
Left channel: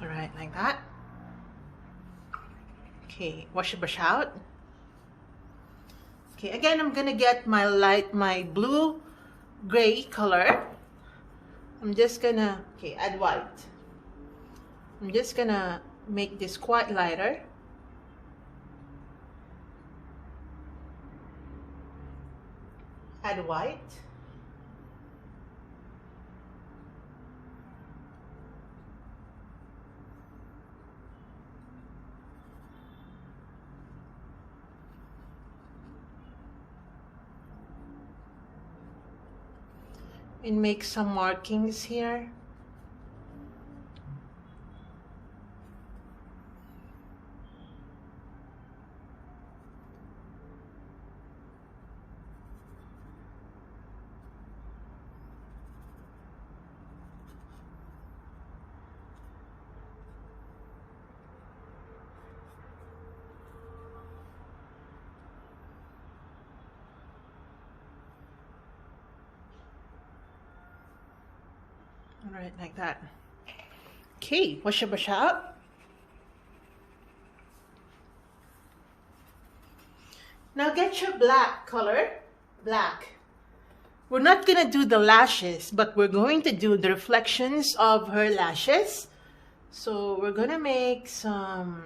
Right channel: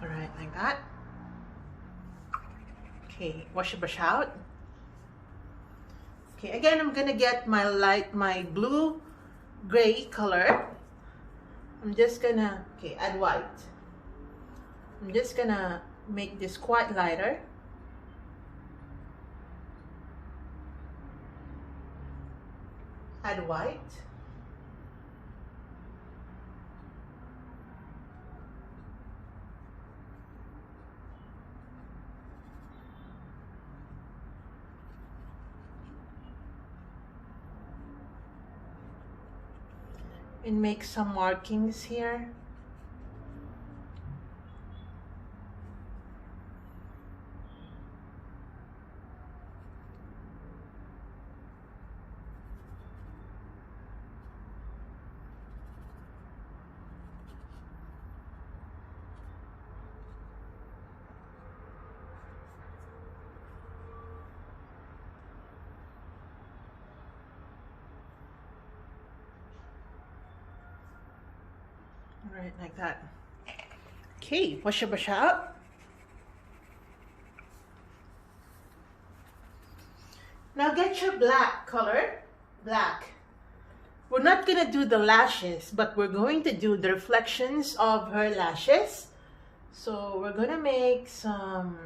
All right, like that. Okay, wash the brush out. Okay, again, I'm gonna get my blue gray color. I'm just gonna, okay, add white. I'm just gonna make this quite lighter. Add white. And make some markings here. All right, like that. Okay, wash your brush out. Now get your black color, black. We're not gonna do the lashes, but we're going to do the reflections of her lashes. So we're gonna make some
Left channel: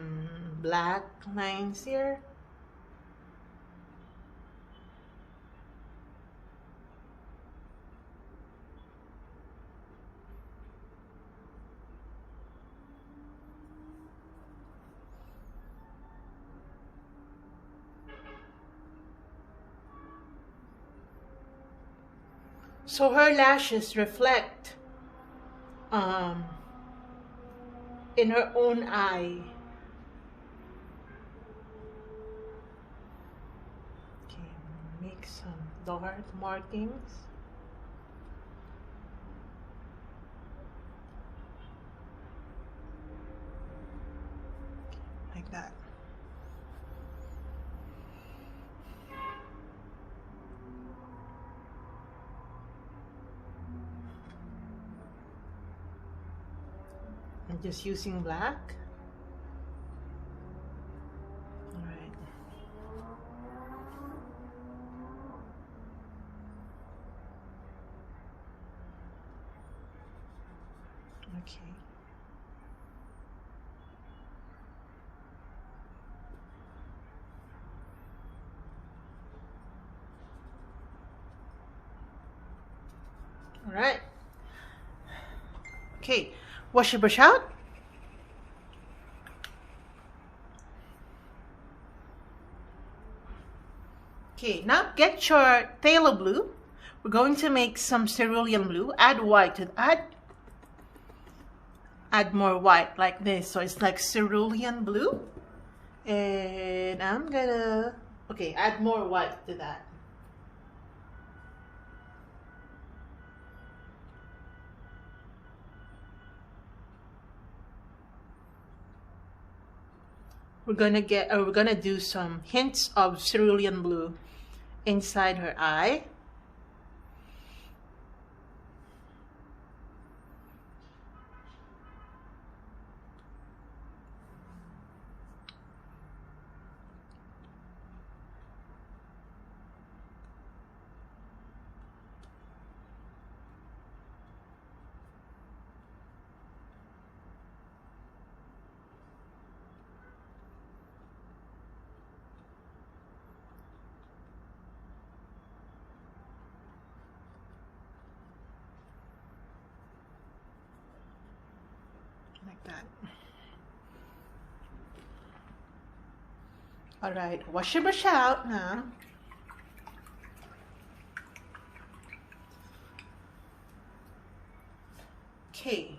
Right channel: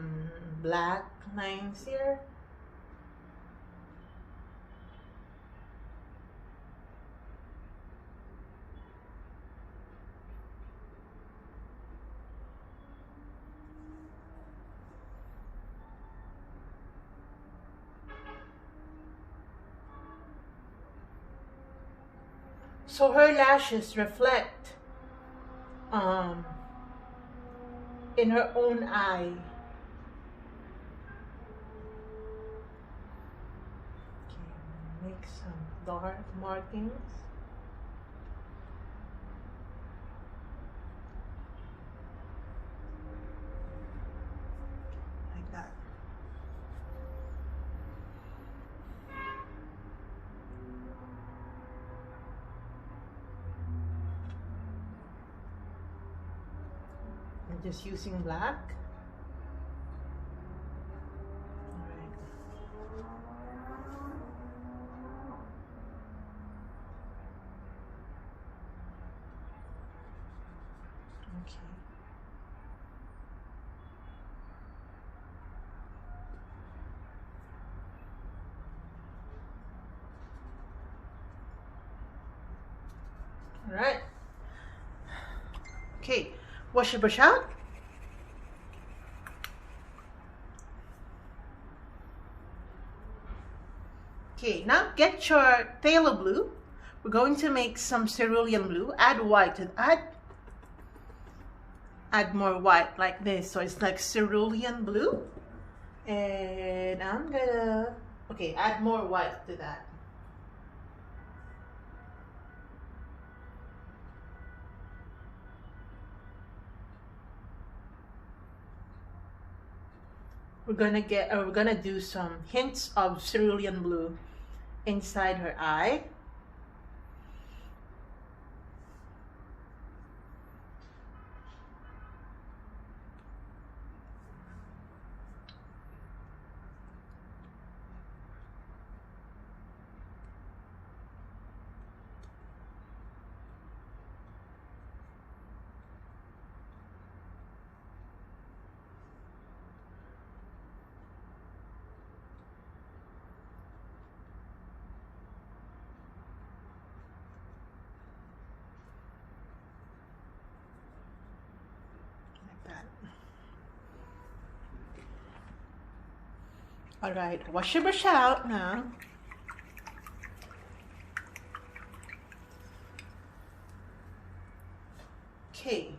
black lines here. So her lashes reflect in her own eye. Okay, make some dark markings. Like that. I'm just using black. All right. Okay. All right. Okay, wash your brush out. Okay, now get your phthalo blue. We're going to make some cerulean blue. Add white to add more white like this. So it's like cerulean blue. And I'm gonna, okay, add more white to that. we're gonna do some hints of cerulean blue inside her eye. All right, wash your brush out now. Okay.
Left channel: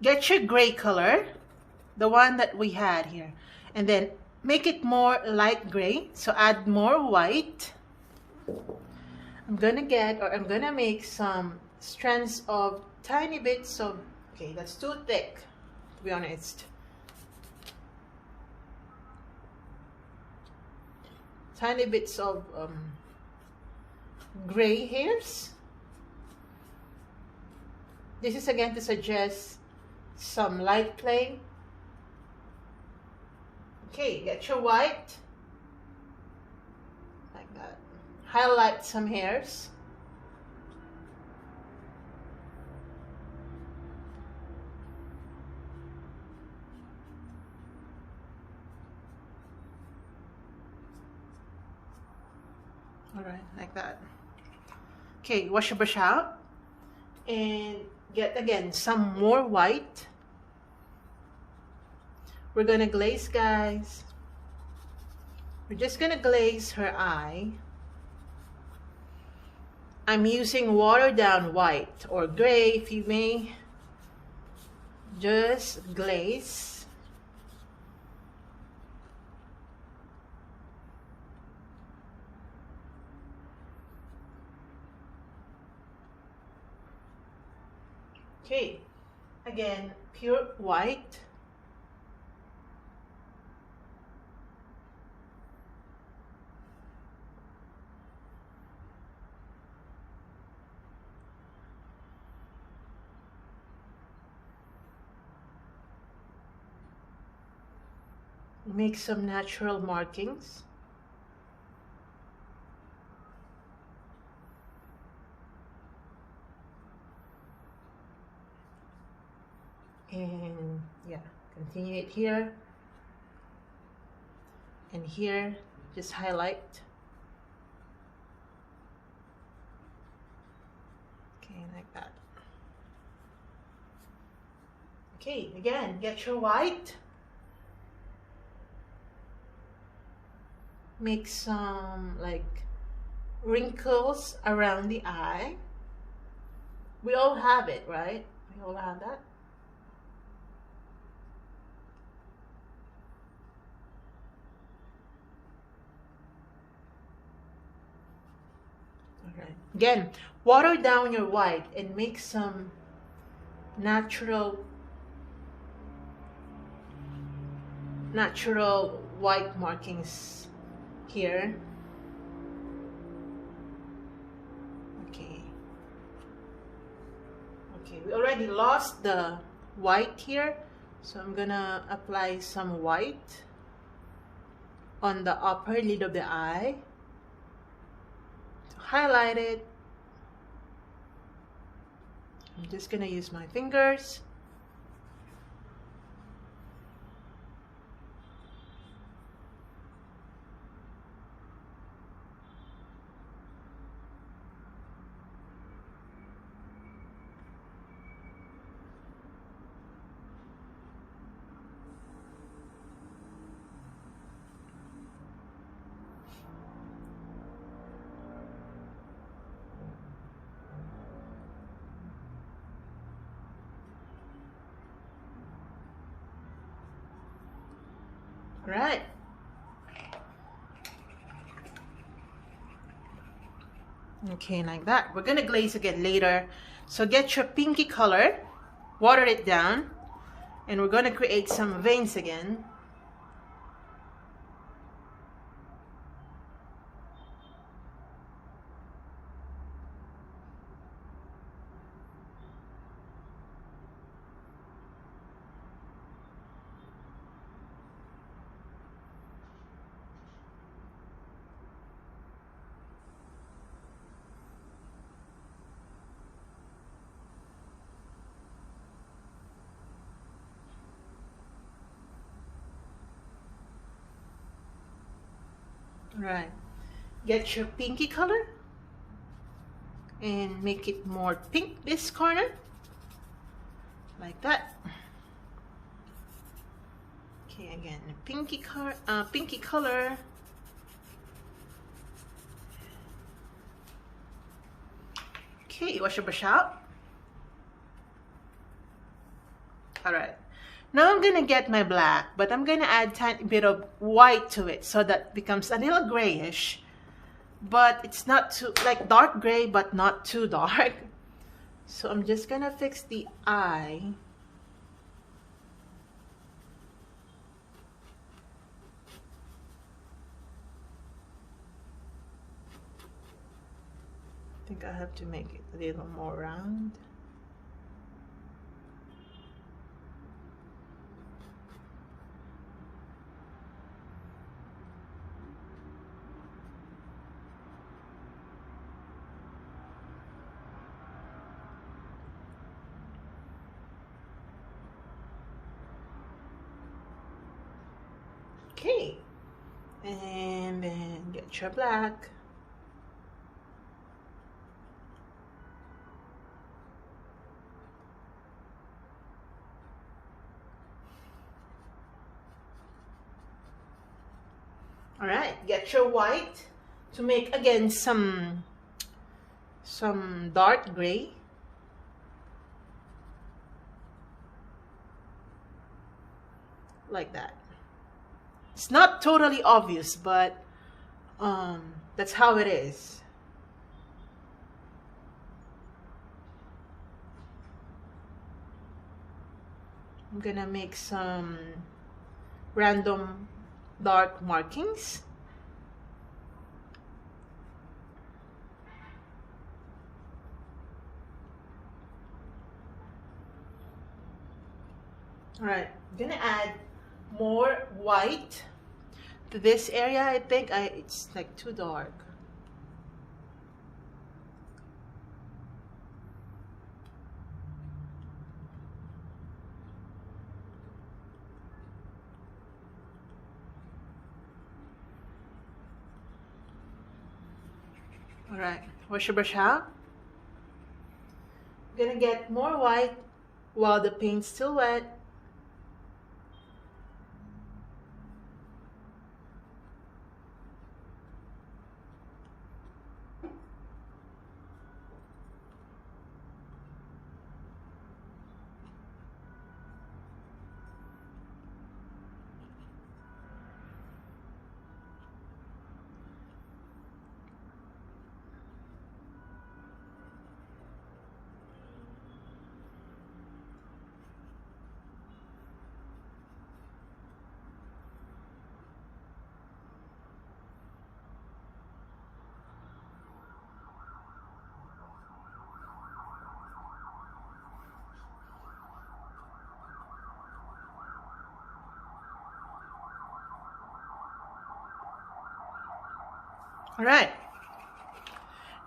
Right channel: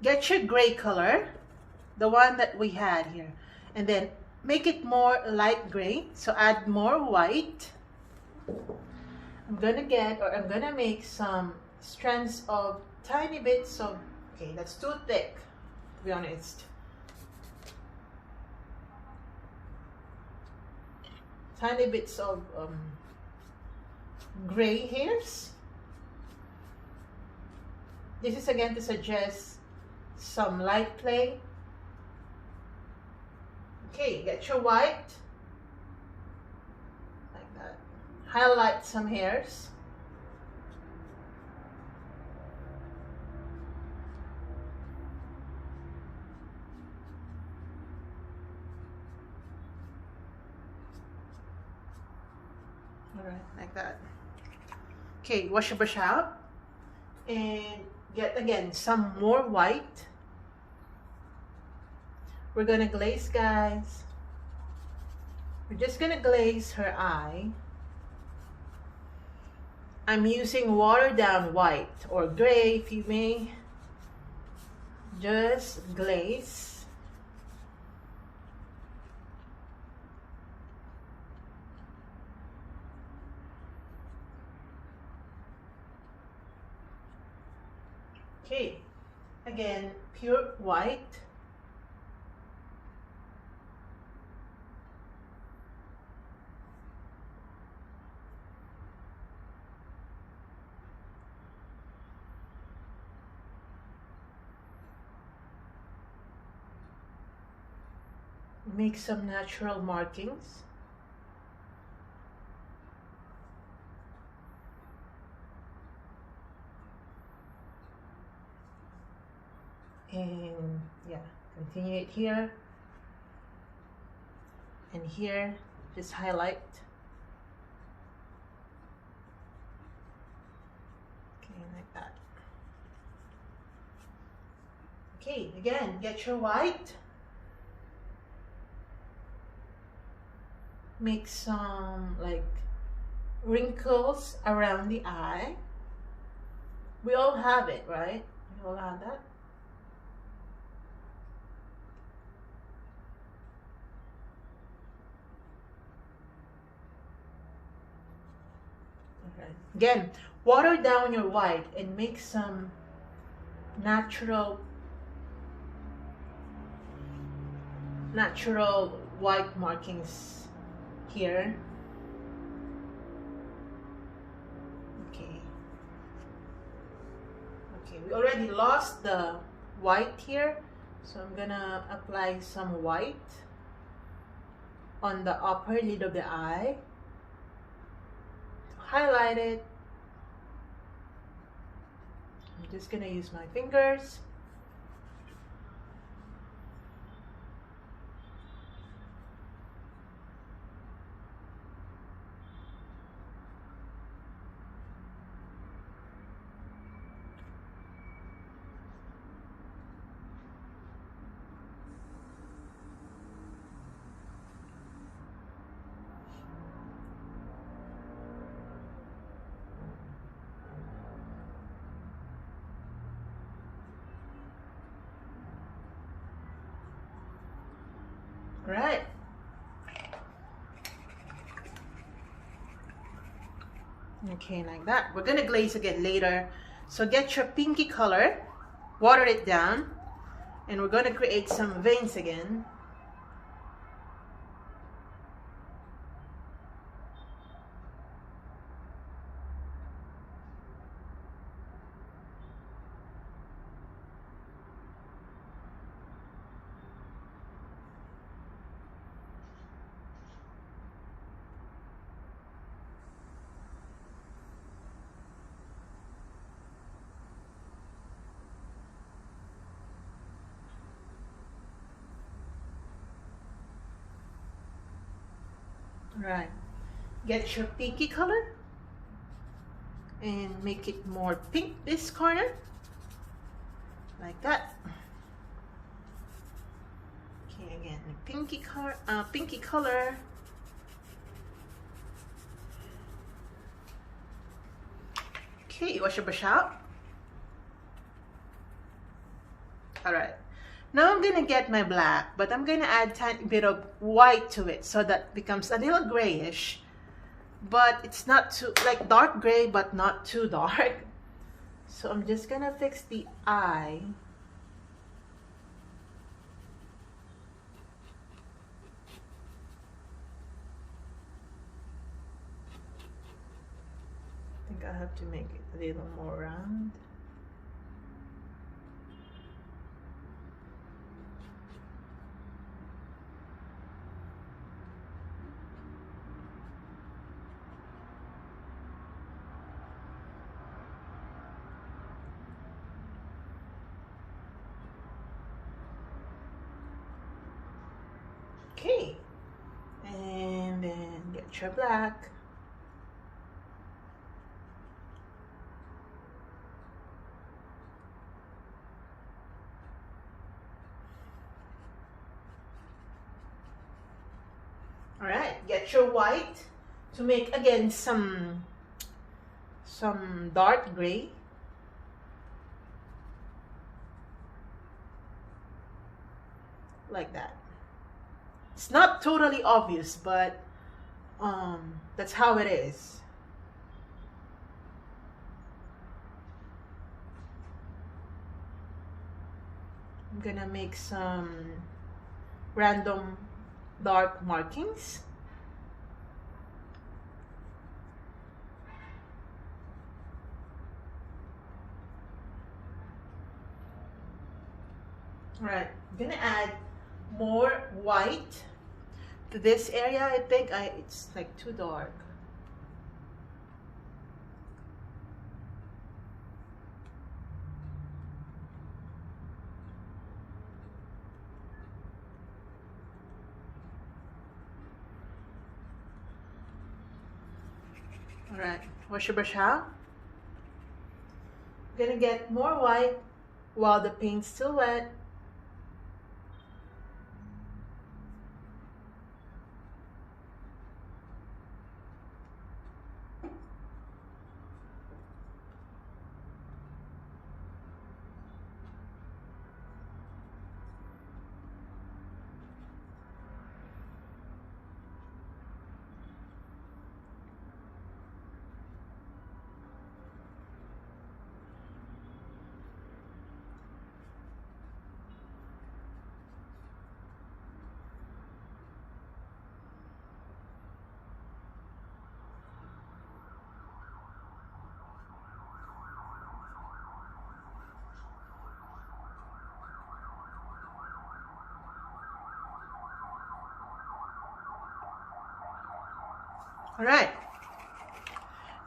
Get your gray color, the one that we had here, and then make it more light gray. So add more white. I'm gonna make some strands of tiny bits of, okay, that's too thick, to be honest. Tiny bits of gray hairs. This is again to suggest some light play. Okay, get your white, like that. Highlight some hairs. Alright, like that. Okay, wash your brush out and get again some more white. We're gonna glaze, guys. We're just gonna glaze her eye. I'm using watered down white or gray, if you may. Just glaze. Okay, again, pure white. Make some natural markings. And yeah, continue it here and here, just highlight. Okay, like that. Okay, again, get your white. Make some like wrinkles around the eye. We all have it, right? We all have that. Okay. Again, water down your white and make some natural white markings here. Okay. Okay, we already lost the white here, so I'm gonna apply some white on the upper lid of the eye to highlight it. I'm just gonna use my fingers. Right. Okay, like that. We're gonna glaze again later. So get your pinky color, water it down. And we're going to create some veins again. Right, get your pinky color and make it more pink this corner, like that. Okay, again, pinky color. Okay, wash your brush out. All right. Now I'm gonna get my black, but I'm gonna add a tiny bit of white to it so that it becomes a little grayish, but it's not too, like dark gray, but not too dark. So I'm just gonna fix the eye. I think I have to make it a little more round. Okay, and then get your black. All right, get your white to make again some dark gray. Like that. It's not totally obvious, but that's how it is. I'm gonna make some random dark markings. All right, I'm gonna add more white to this area. I think it's like too dark. All right, wash your brush out. I'm gonna get more white while the paint's still wet. All right,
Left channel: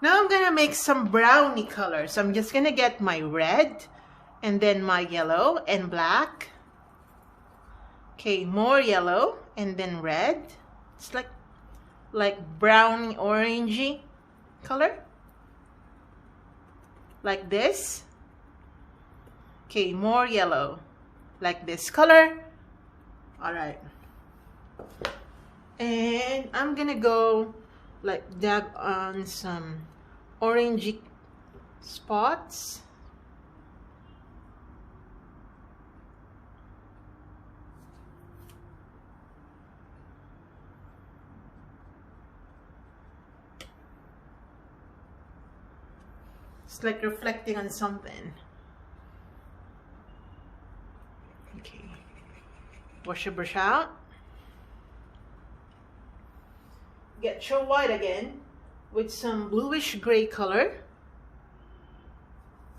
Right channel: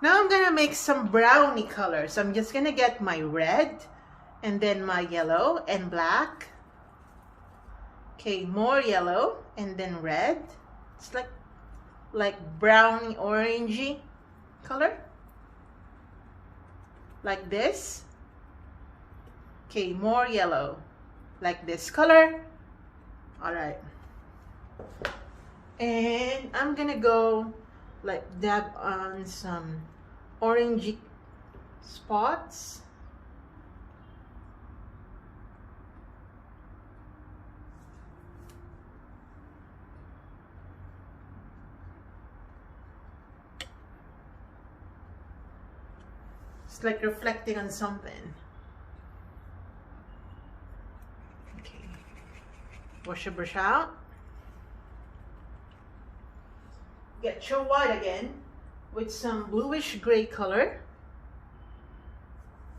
now I'm gonna make some brownie color. So I'm just gonna get my red and then my yellow and black. Okay, more yellow and then red. It's like brownie orangey color, like this. Okay, more yellow, like this color. All right, and I'm gonna go like dab on some orangey spots. It's like reflecting on something. Wash your brush out. Get your white again with some bluish gray color.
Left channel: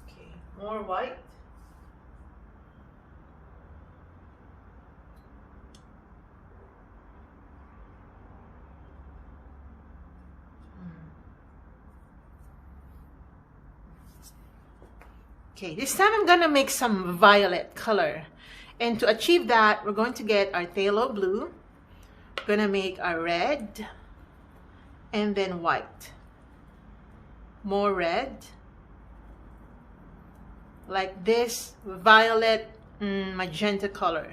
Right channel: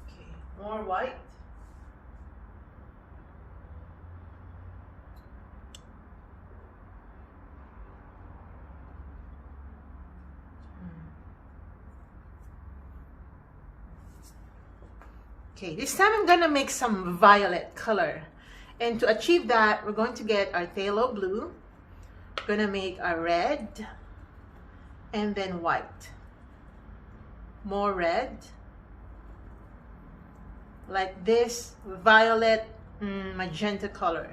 Okay, more white. Okay, this time I'm gonna make some violet color. And to achieve that, we're going to get our phthalo blue. We're gonna make our red and then white. More red. Like this violet magenta color.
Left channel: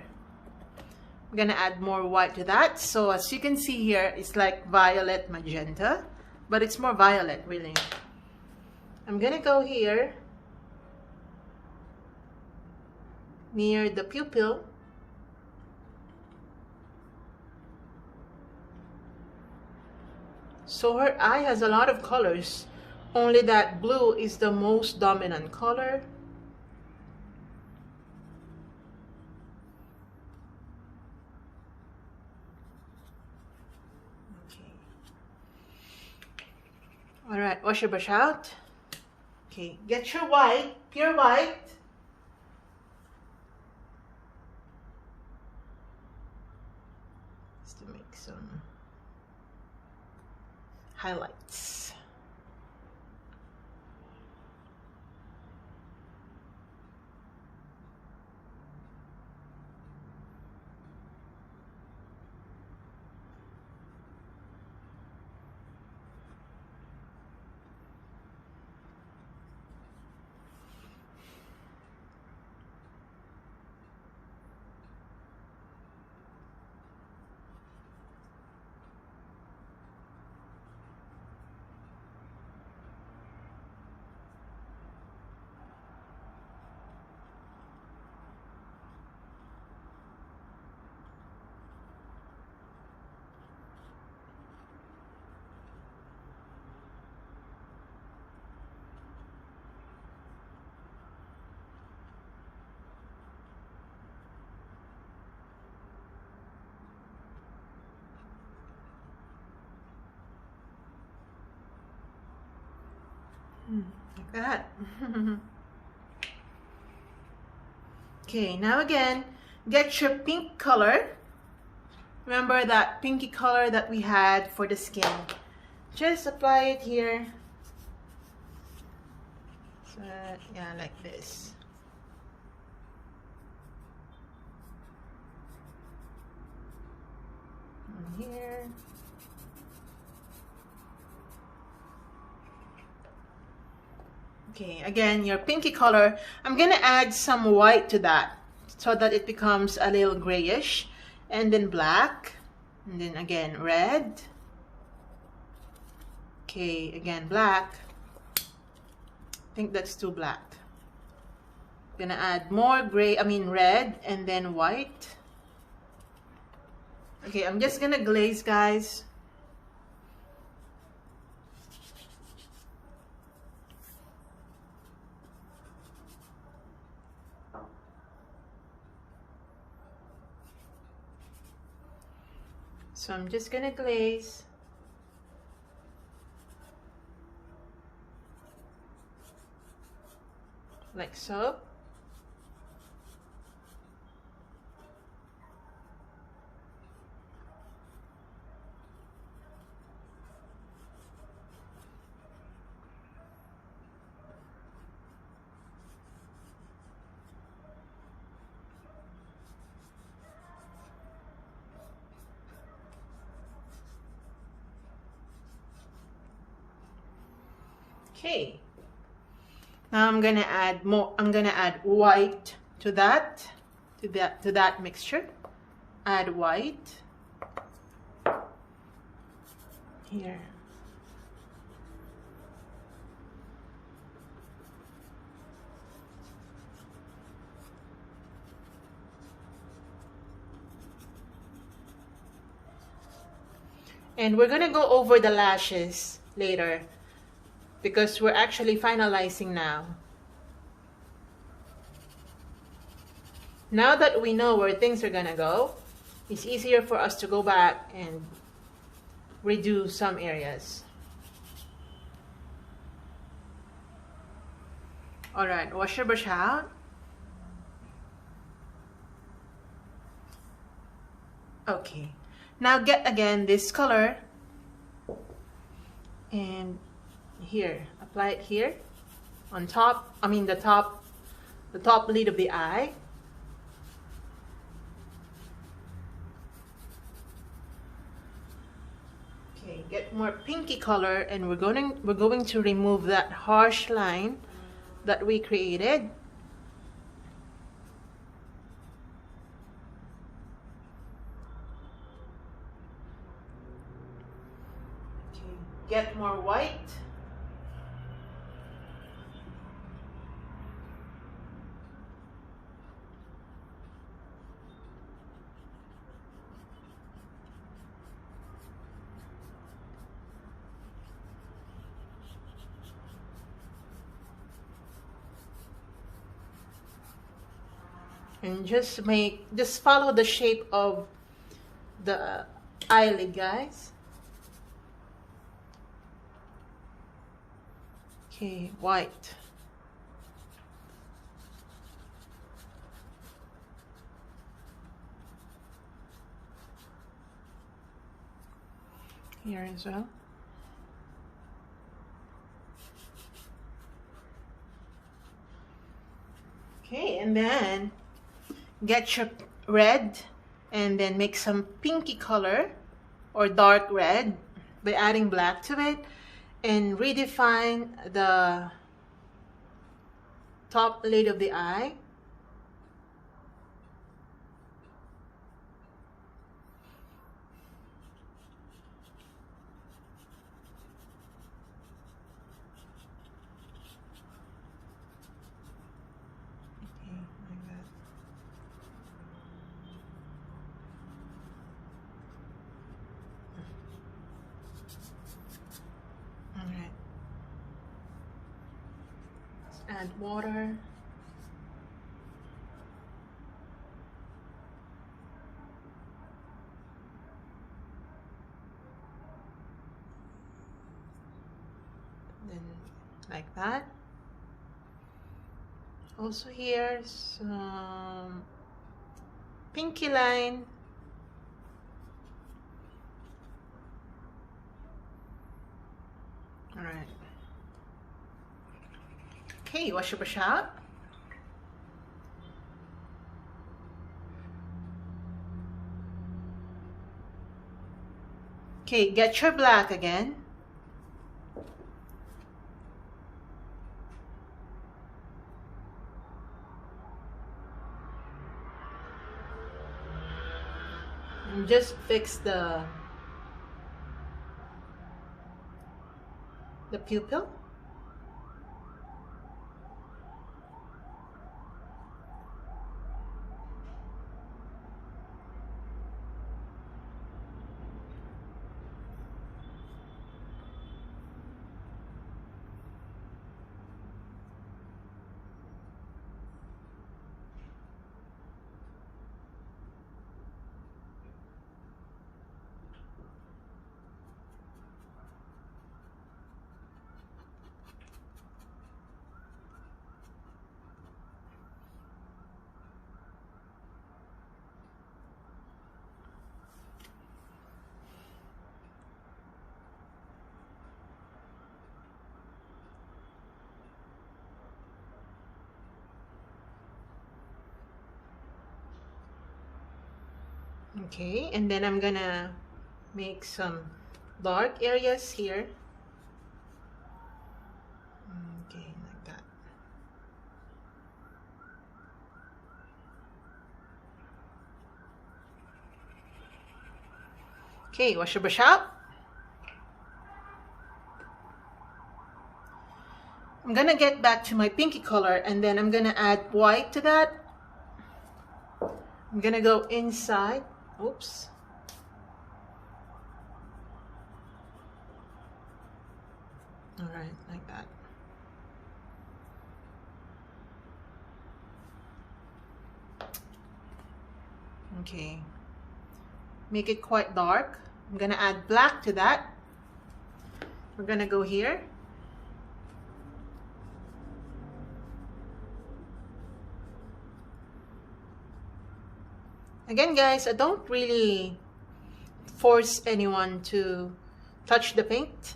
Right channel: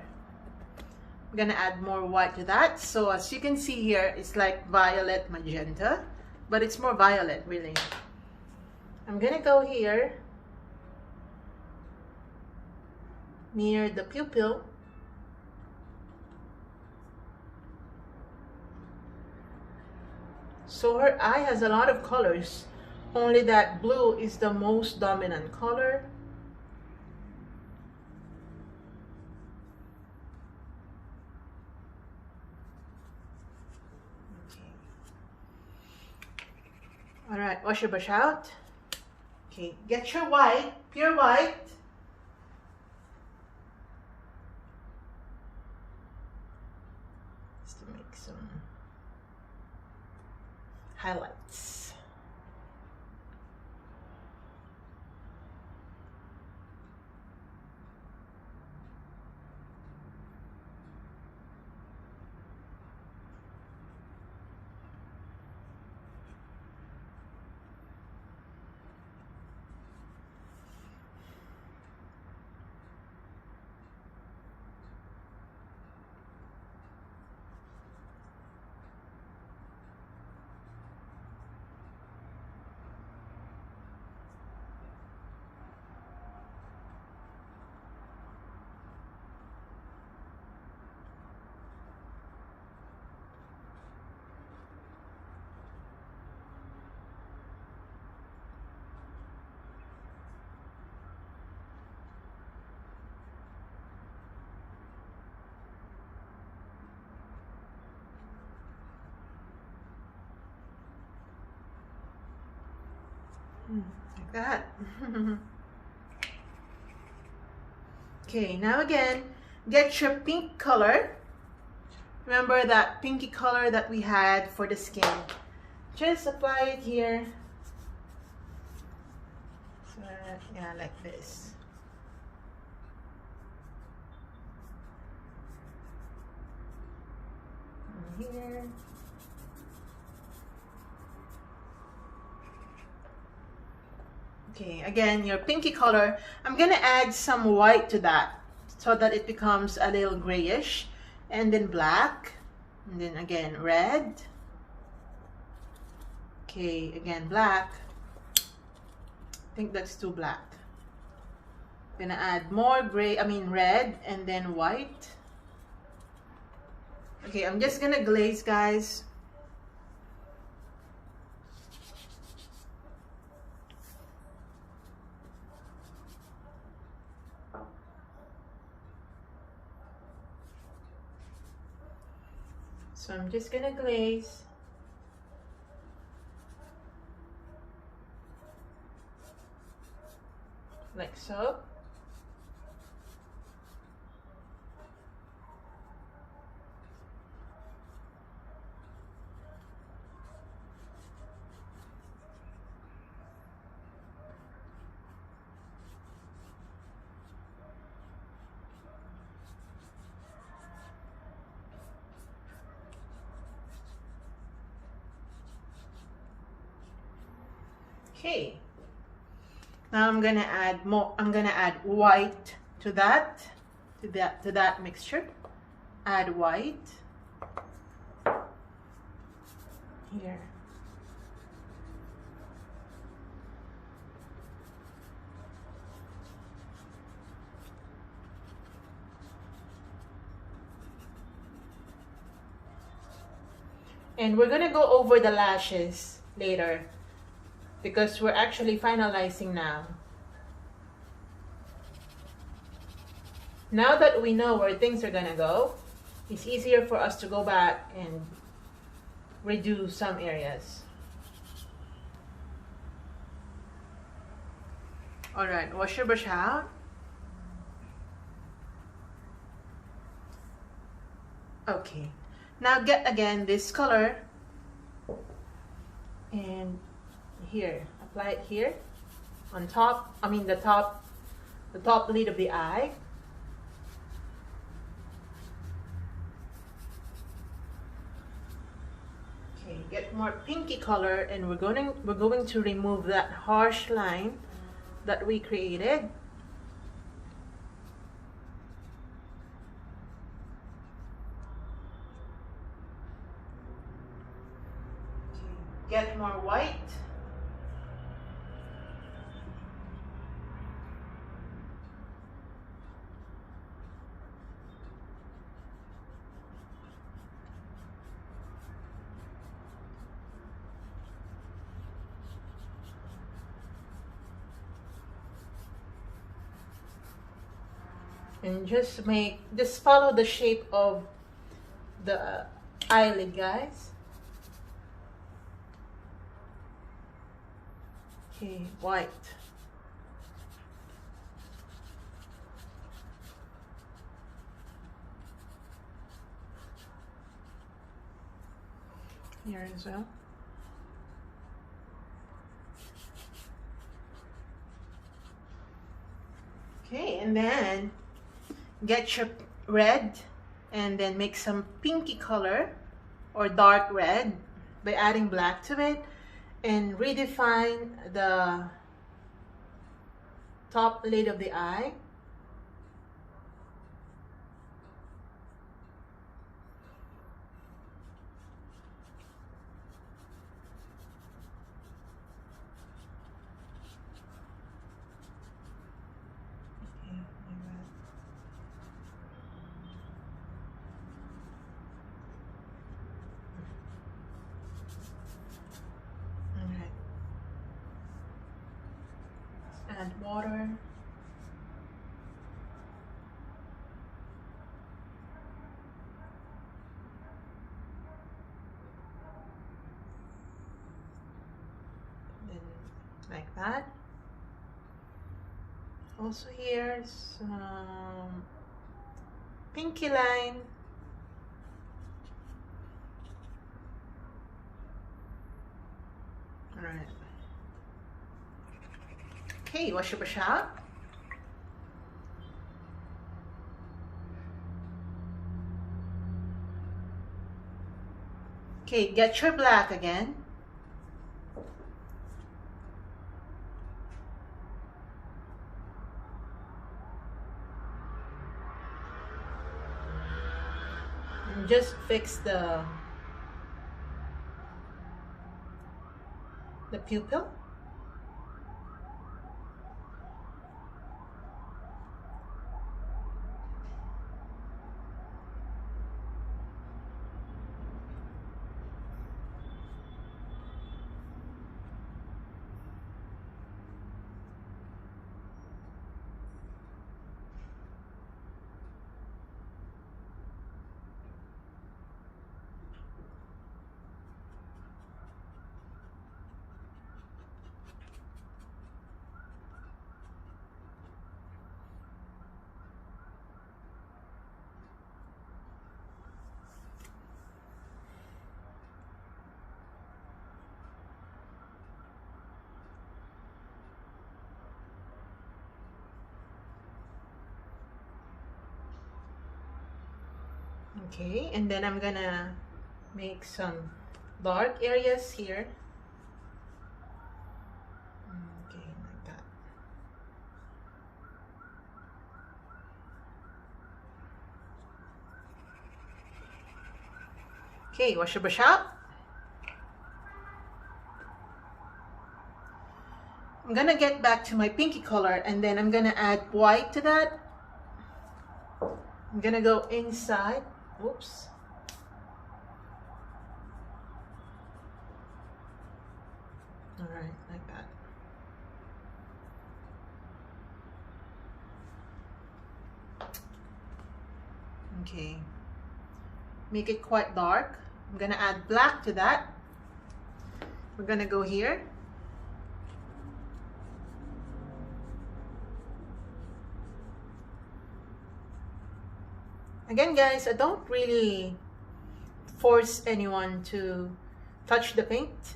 I'm gonna add more white to that. So as you can see here, it's like violet magenta, but it's more violet really. I'm gonna go here near the pupil. So her eye has a lot of colors, only that blue is the most dominant color. Okay. All right, wash your brush out. Okay, get your white, pure white. To make some highlights. Like that. Okay, now again, get your pink color. Remember that pinky color that we had for the skin. Just apply it here. So that, yeah, like this. And here. Okay, again, your pinky color. I'm gonna add some white to that so that it becomes a little grayish, and then black, and then again red. Okay, again black. I think that's too black. Gonna add more red, and then white. Okay, I'm just gonna glaze, guys. So I'm just gonna glaze. Like so. Okay, now I'm gonna add more. I'm gonna add white to that, to that mixture. Add white here. And we're gonna go over the lashes later, because we're actually finalizing now. Now that we know where things are gonna go, it's easier for us to go back and redo some areas. All right, wash your brush out. Okay, now get again this color and here, apply it here on top, the top lid of the eye. Okay, get more pinky color, and we're going to remove that harsh line that we created. Okay, get more white. And just follow the shape of the eyelid, guys. Okay, white. Here as well. Okay, and then get your red and then make some pinky color or dark red by adding black to it, and redefine the top lid of the eye. Add water. Then like that. Also here some pinky line. All right. Okay, wash your brush out. Okay, get your black again. And just fix the pupil. Okay, and then I'm gonna make some dark areas here. Okay, like that. Okay, wash your brush out. I'm gonna get back to my pinky color, and then I'm gonna add white to that. I'm gonna go inside. Oops. All right, like that. Okay. make it quite dark. I'm gonna add black to that. We're gonna go here. Again, guys, I don't really force anyone to touch the paint.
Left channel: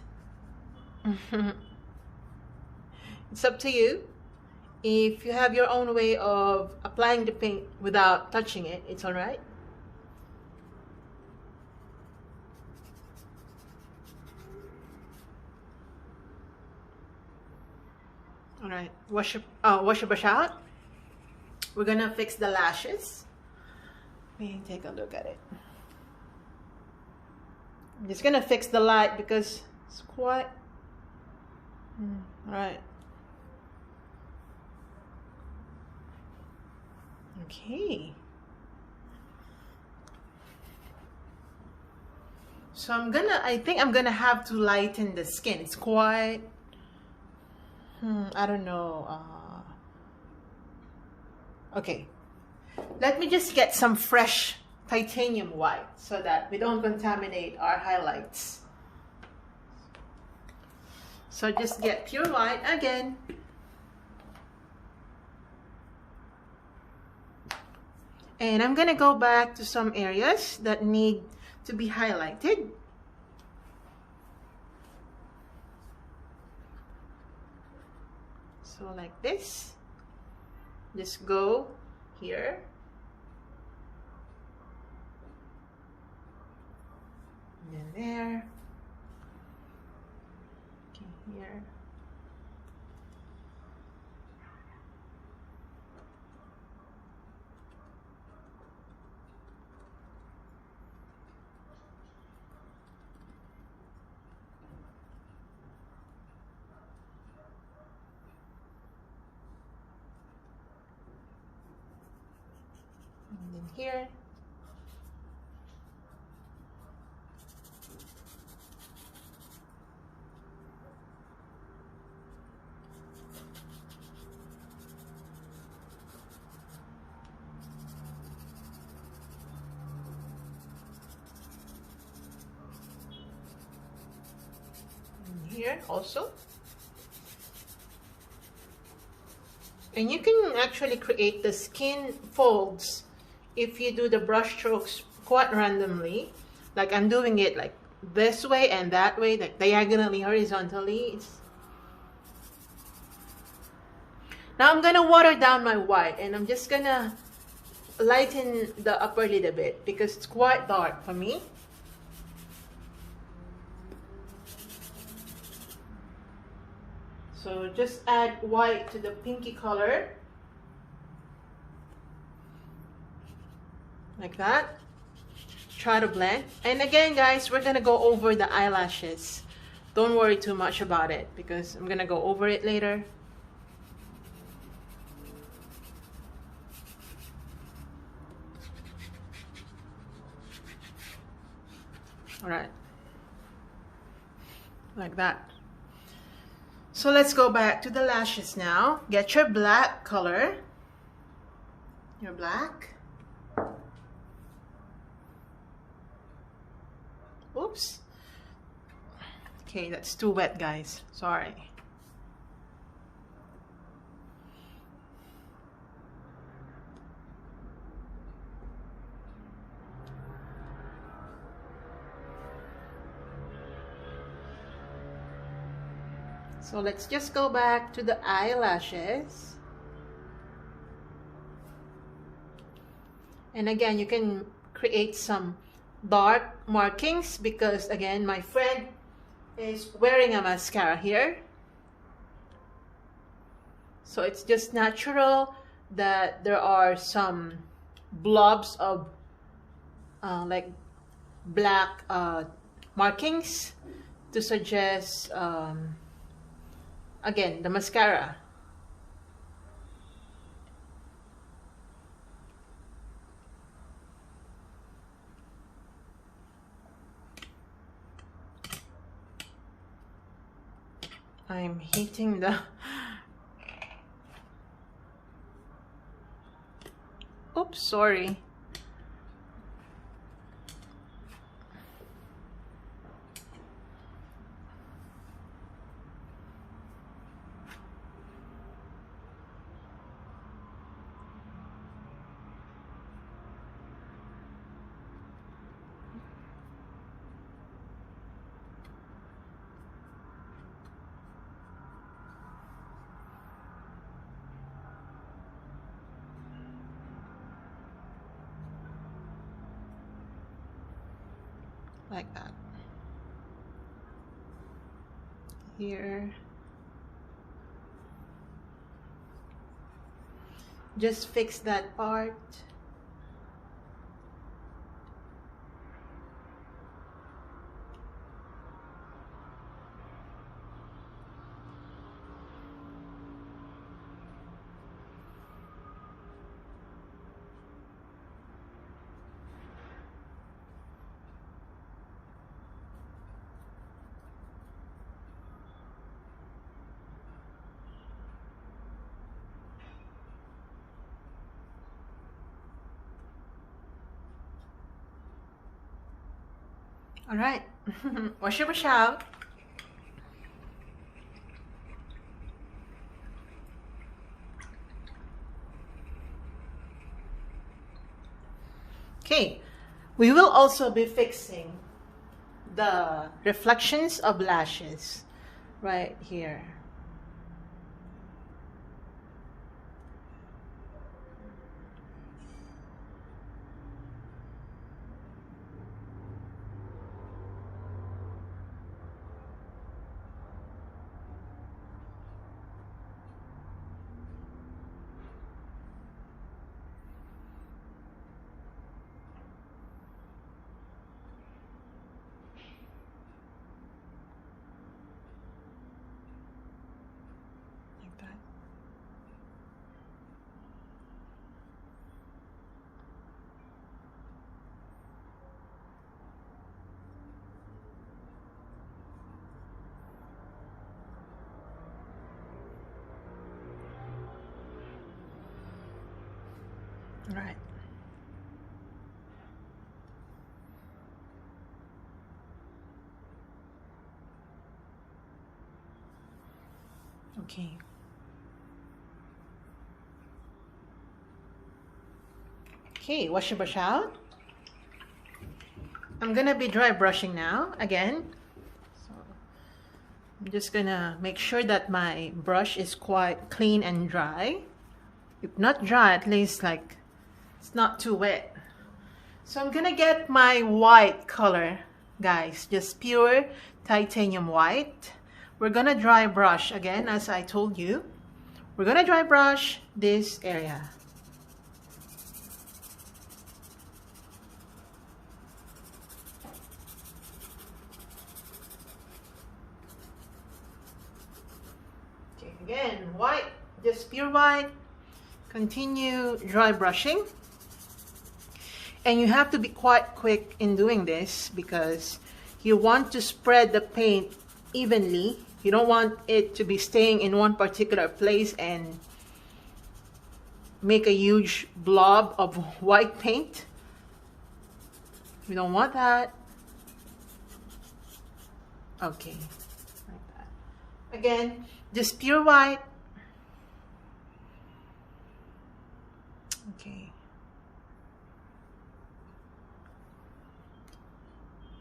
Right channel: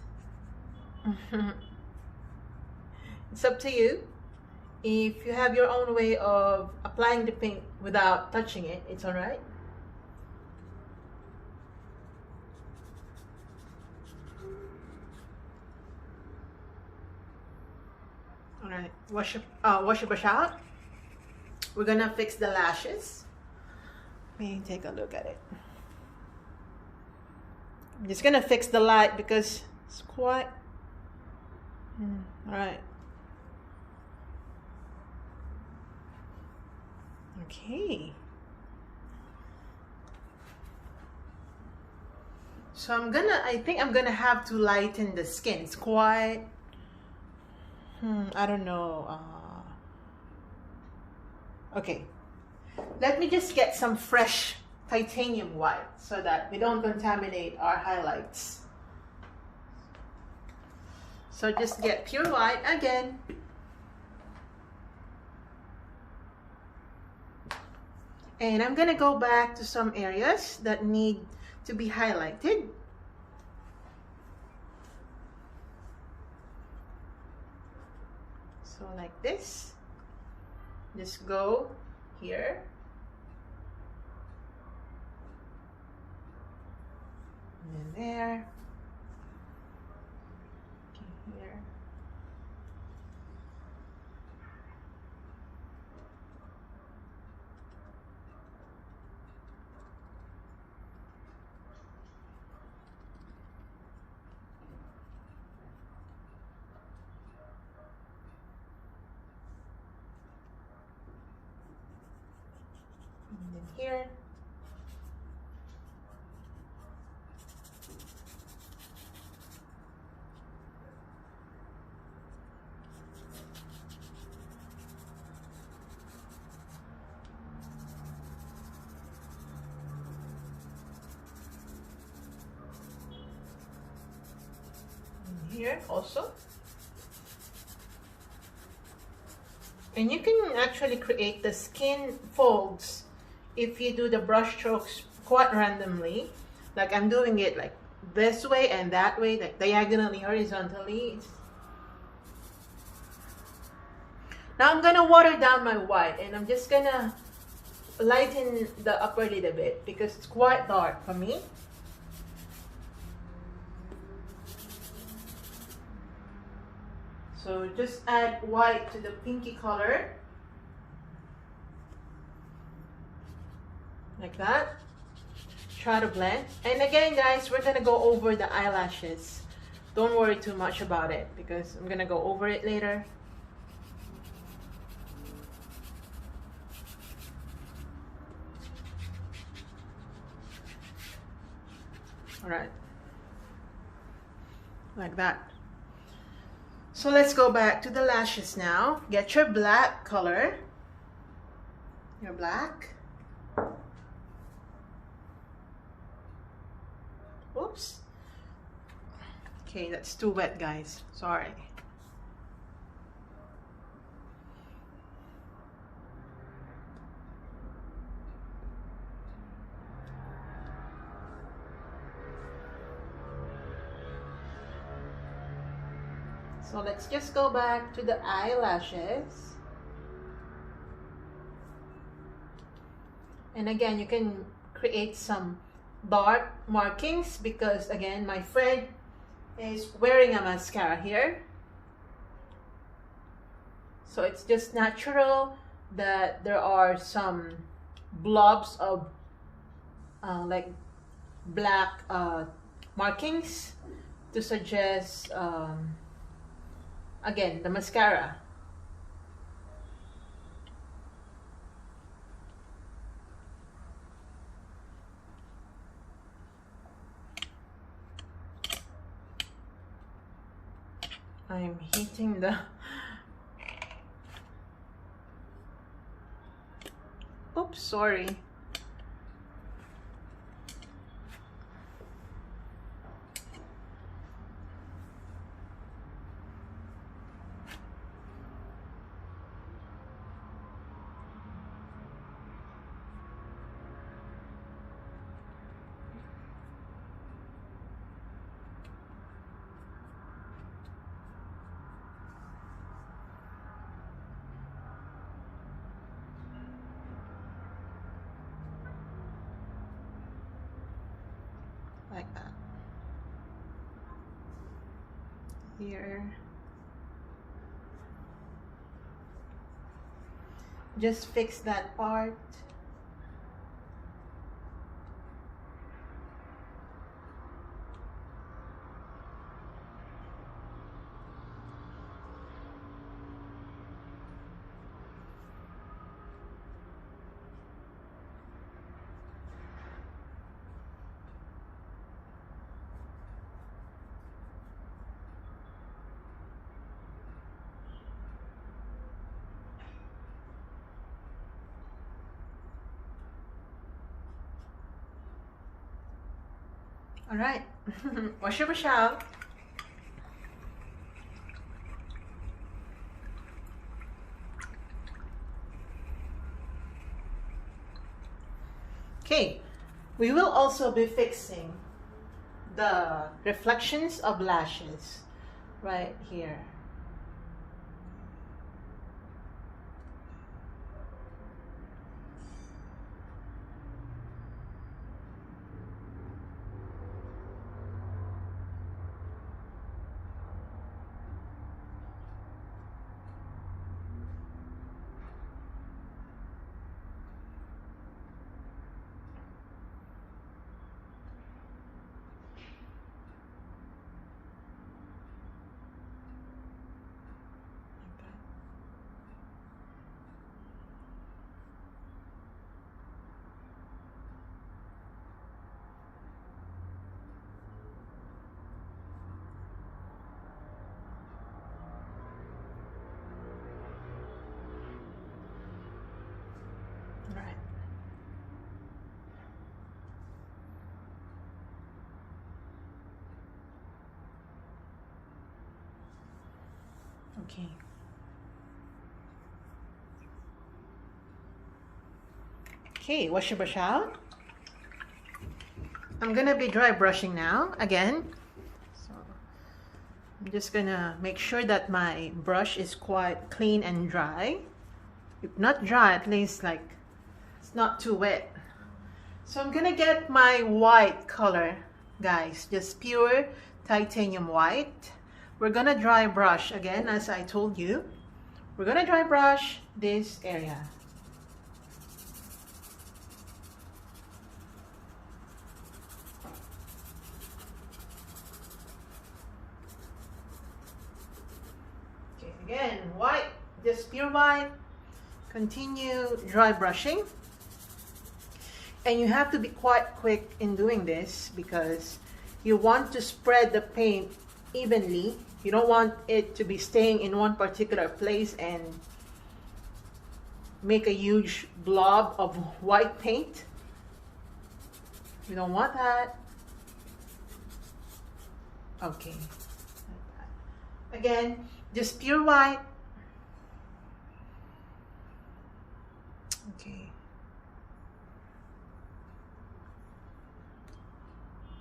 It's up to you. If you have your own way of applying the paint without touching it, it's all right. All right, wash your brush out. We're gonna fix the lashes. Let me take a look at it. I'm just gonna fix the light because it's quite all right. Okay, so I think I'm gonna have to lighten the skin. It's quite I don't know. Okay, let me just get some fresh titanium white so that we don't contaminate our highlights. So just get pure white again. And I'm gonna go back to some areas that need to be highlighted. So like this, just go here. And then there. Okay, here. And then here. Here also, and you can actually create the skin folds if you do the brush strokes quite randomly, like I'm doing it like this way and that way, like diagonally, horizontally. Now I'm gonna water down my white and I'm just gonna lighten the upper lid a bit because it's quite dark for me. So just add white to the pinky color, like that. Try to blend. And again, guys, we're gonna go over the eyelashes. Don't worry too much about it because I'm gonna go over it later. All right, like that. So let's go back to the lashes now. Get your black color, your black. Oops. Okay, that's too wet, guys. Sorry. So let's just go back to the eyelashes. And again, you can create some dark markings because again, my friend is wearing a mascara here. So it's just natural that there are some blobs of like black markings to suggest again, the mascara. I'm hitting the... Oops, sorry. here. Just fix that part. All right. Wash your brush out. Okay, we will also be fixing the reflections of lashes right here. Right. Okay. Okay, wash your brush out. I'm gonna be dry brushing now again. So I'm just gonna make sure that my brush is quite clean and dry. If not dry, at least like it's not too wet. So I'm gonna get my white color, guys, just pure titanium white. We're gonna dry brush again, as I told you. We're gonna dry brush this area. Okay, again, white, just pure white. Continue dry brushing. And you have to be quite quick in doing this because you want to spread the paint evenly. You don't want it to be staying in one particular place and make a huge blob of white paint. We don't want that. Okay, like that. Again, just pure white. Okay.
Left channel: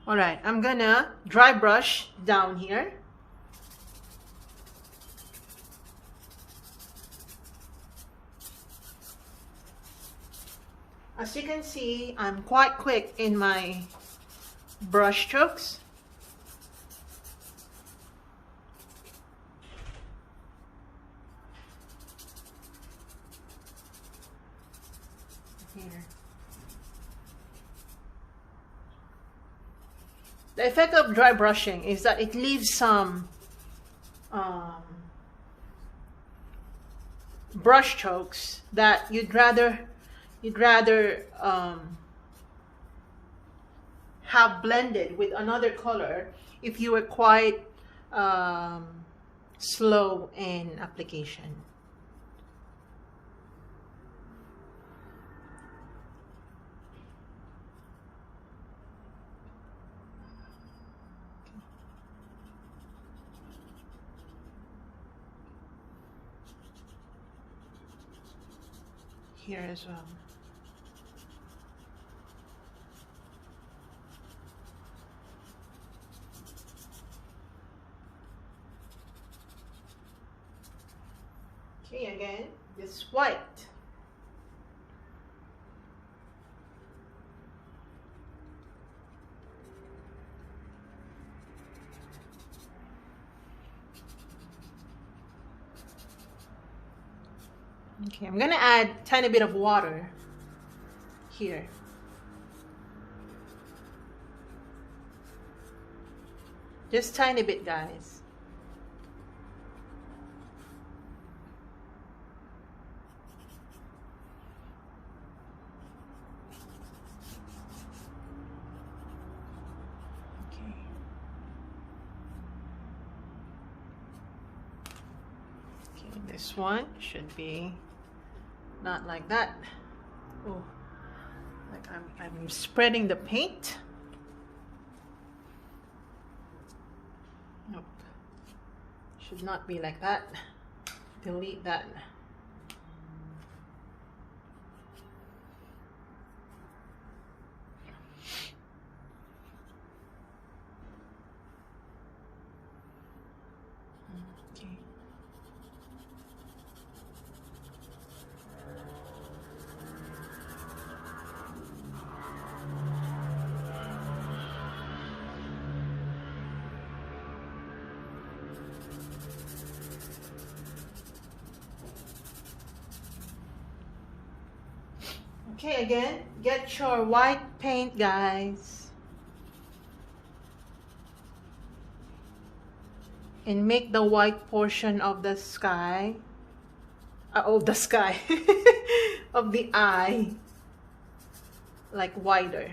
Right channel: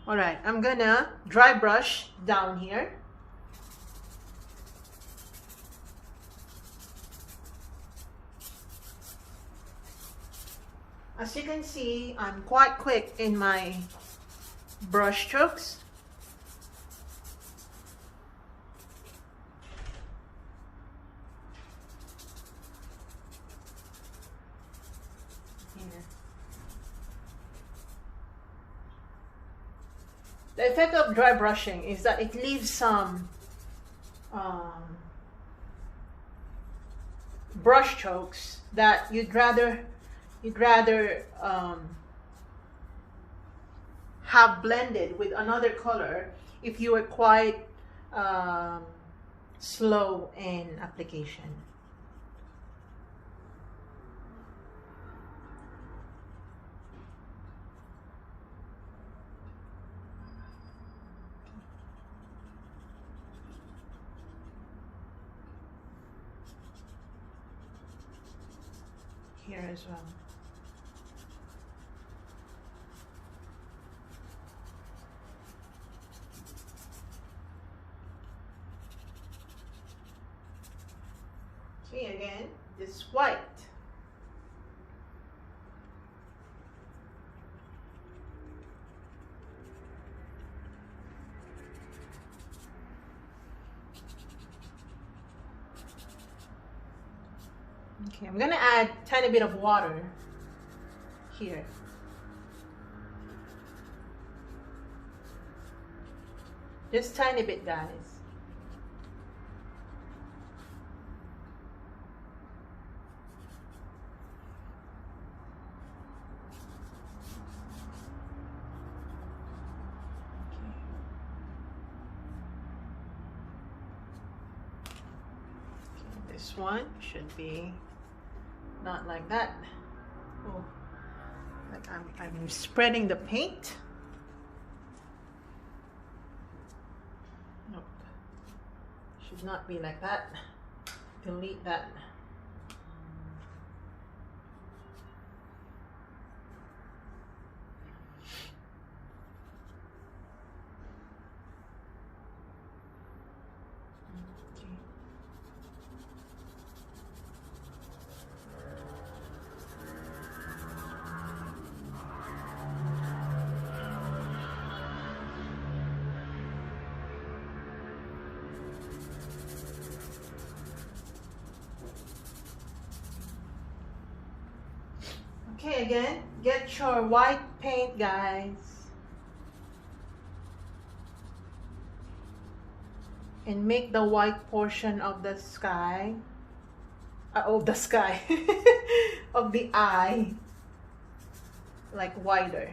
All right, I'm gonna dry brush down here. As you can see, I'm quite quick in my brush strokes. Here. The effect of dry brushing is that it leaves some brush strokes that you'd rather have blended with another color if you were quite slow in application. Here as well. Okay, again, this white. Okay, I'm gonna add a tiny bit of water here. Just tiny bit, guys. This one should be not like that. Oh, like I'm spreading the paint. Nope. Should not be like that. Delete that. Okay, again, get your white paint, guys, and make the white portion of the sky, of the sky, of the eye, like wider.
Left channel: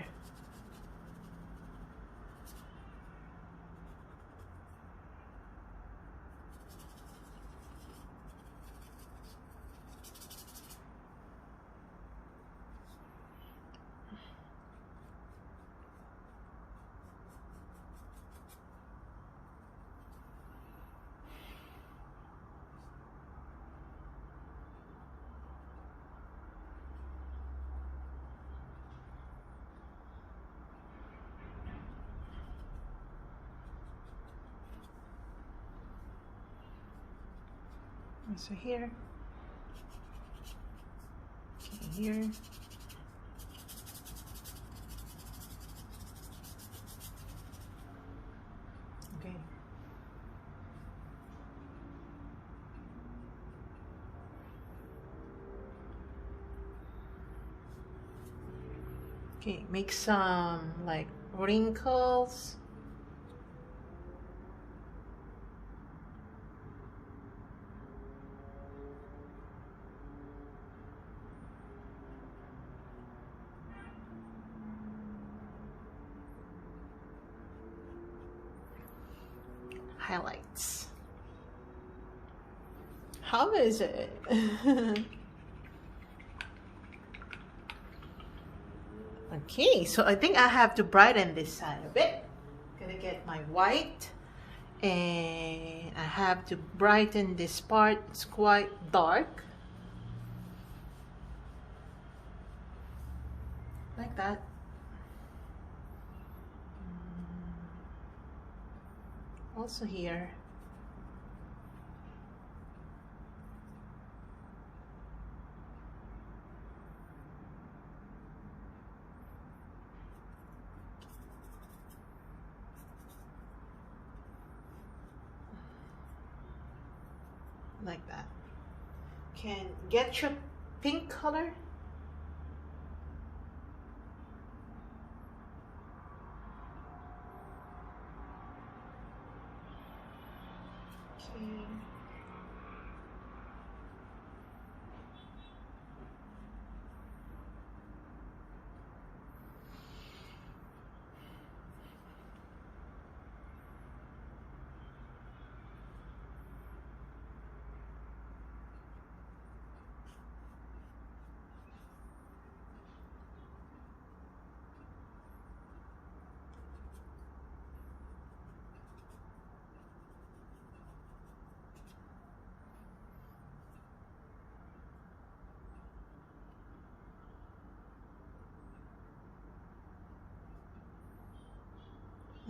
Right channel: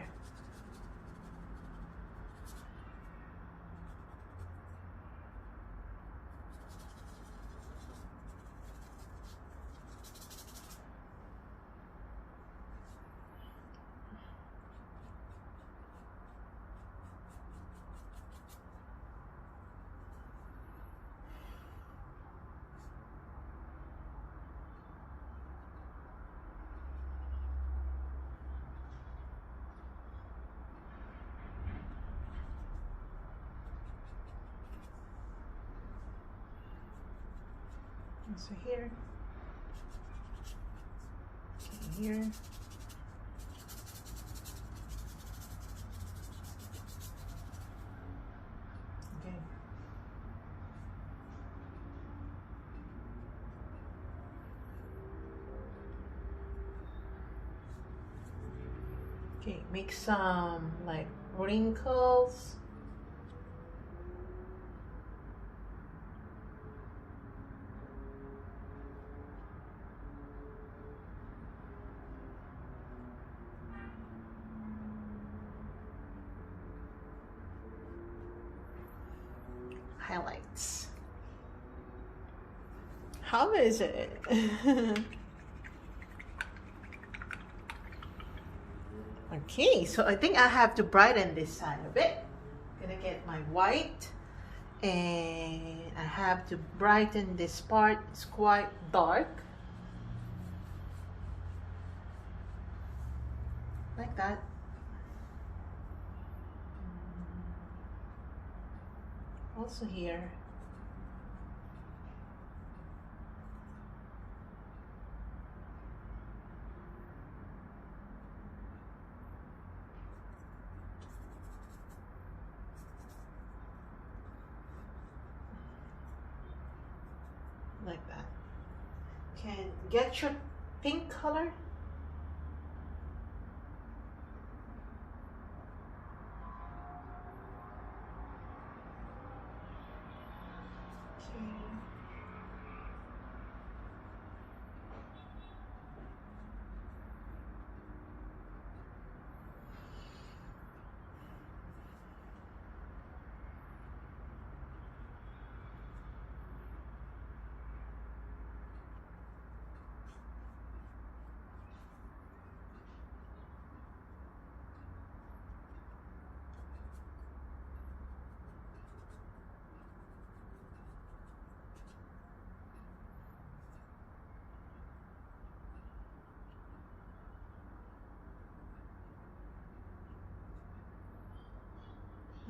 So here, okay, here, okay. Okay, make some like wrinkles. Highlights. How is it? Okay, so I think I have to brighten this side a bit. Gonna get my white, and I have to brighten this part. It's quite dark, like that. Also here. Like that. Can get your pink color.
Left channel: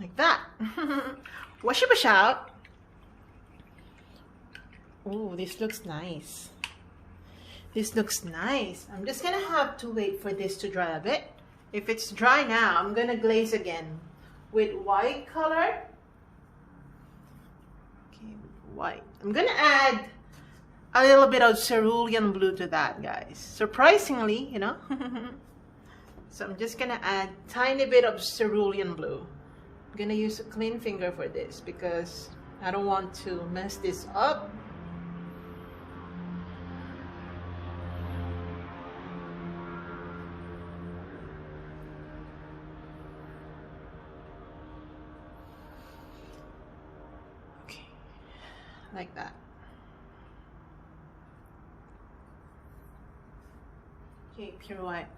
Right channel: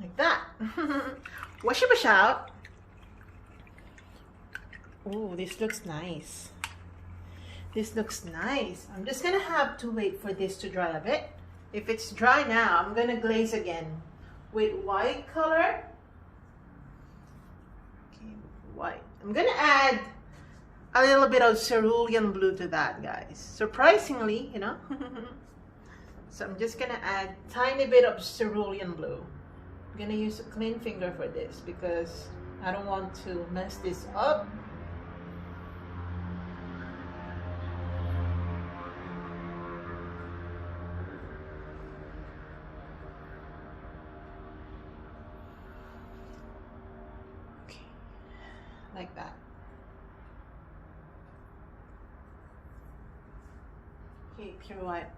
Like that. Wash your brush out. Oh, this looks nice. This looks nice. I'm just gonna have to wait for this to dry a bit. If it's dry now, I'm gonna glaze again with white color. Okay, white. I'm gonna add a little bit of cerulean blue to that, guys. Surprisingly, you know. So I'm just gonna add tiny bit of cerulean blue. I'm gonna use a clean finger for this because I don't want to mess this up. Okay, like that. Okay, pure white.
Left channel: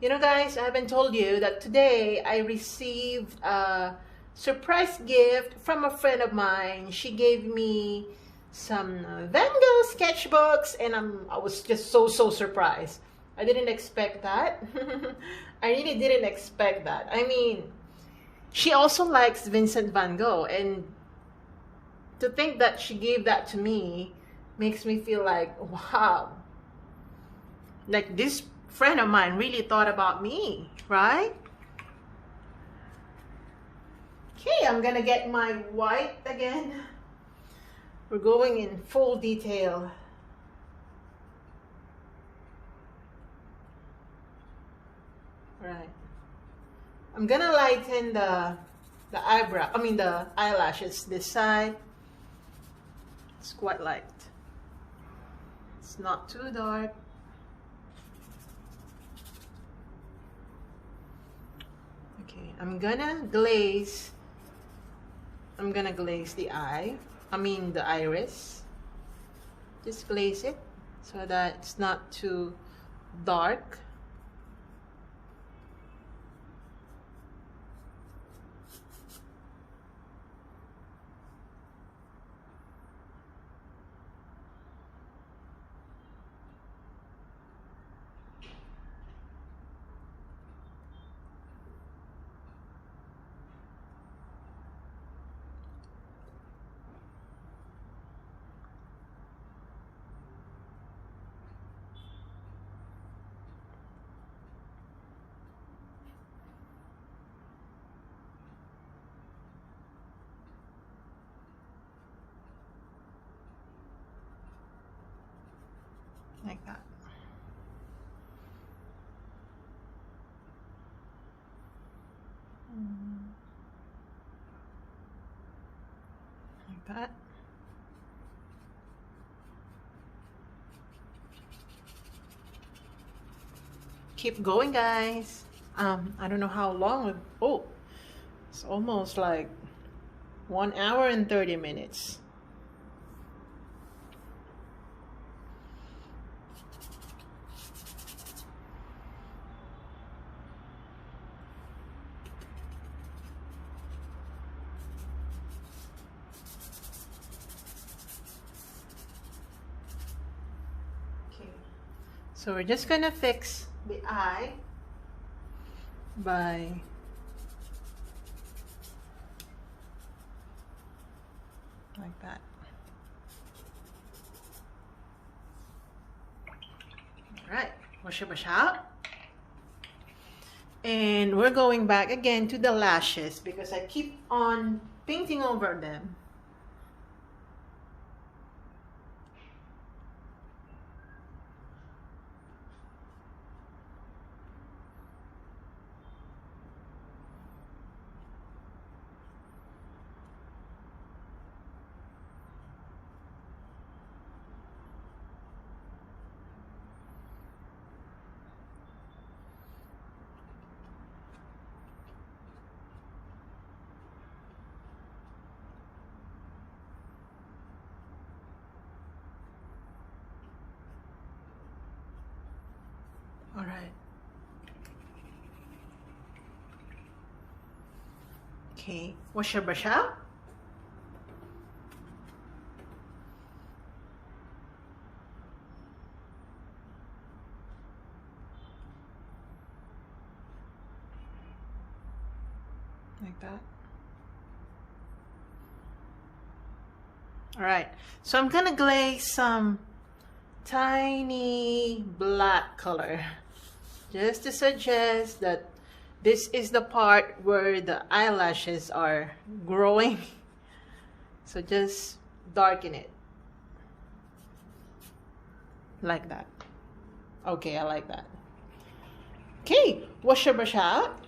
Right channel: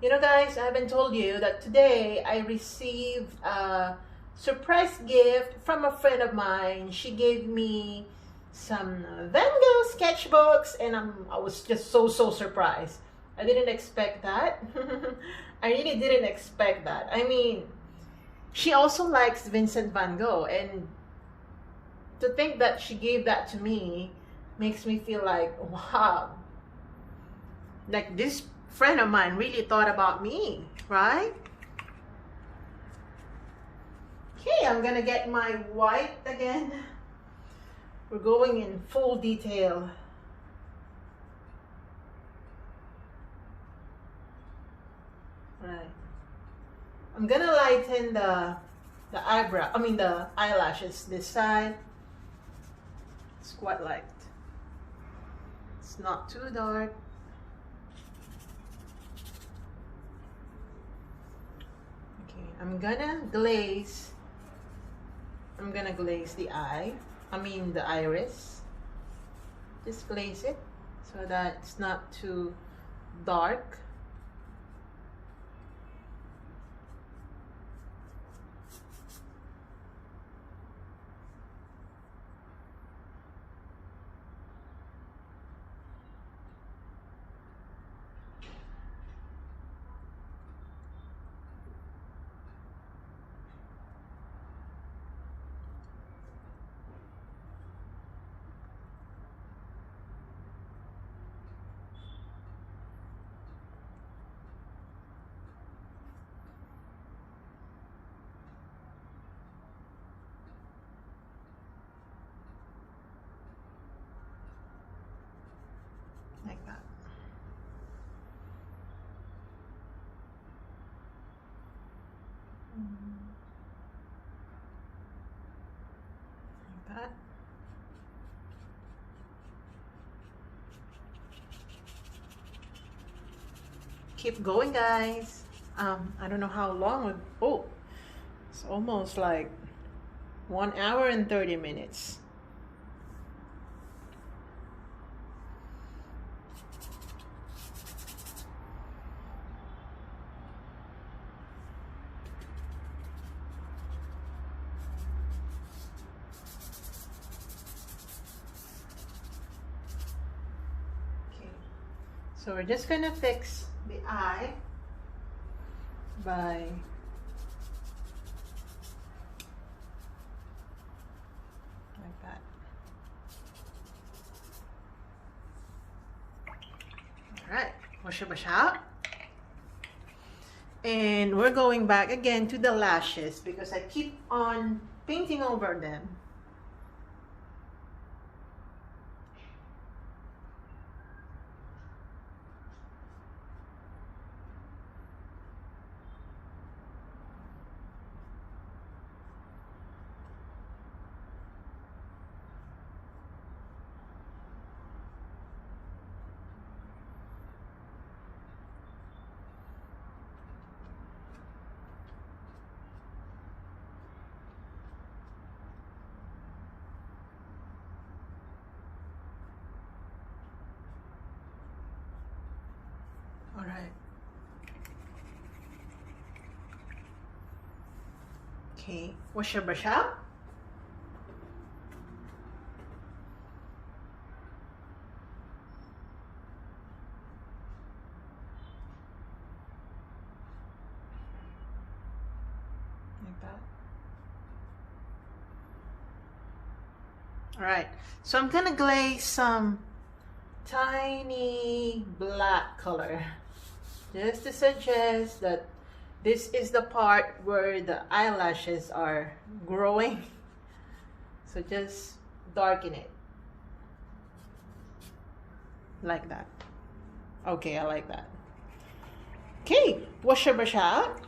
You know, guys, I haven't told you that today I received a surprise gift from a friend of mine. She gave me some Van Gogh sketchbooks, and I was just so surprised. I didn't expect that. I really didn't expect that. I mean, she also likes Vincent van Gogh, and to think that she gave that to me makes me feel like, wow, like this friend of mine really thought about me, right? Okay, I'm gonna get my white again. We're going in full detail. Right. I'm gonna lighten the eyebrow, I mean the eyelashes this side. It's quite light. It's not too dark. I'm gonna glaze the eye, I mean the iris. Just glaze it so that it's not too dark. Like that. Like that. Keep going, guys. I don't know how long. Oh, it's almost like 1 hour and 30 minutes. So we're just gonna fix the eye by like that. All right, wash out. And we're going back again to the lashes because I keep on painting over them. All right. Okay, wash your brush out. Like that. All right, so I'm gonna glaze some tiny black color just to suggest that this is the part where the eyelashes are growing. So just darken it. like that. Okay, I like that. Okay, wash your brush out.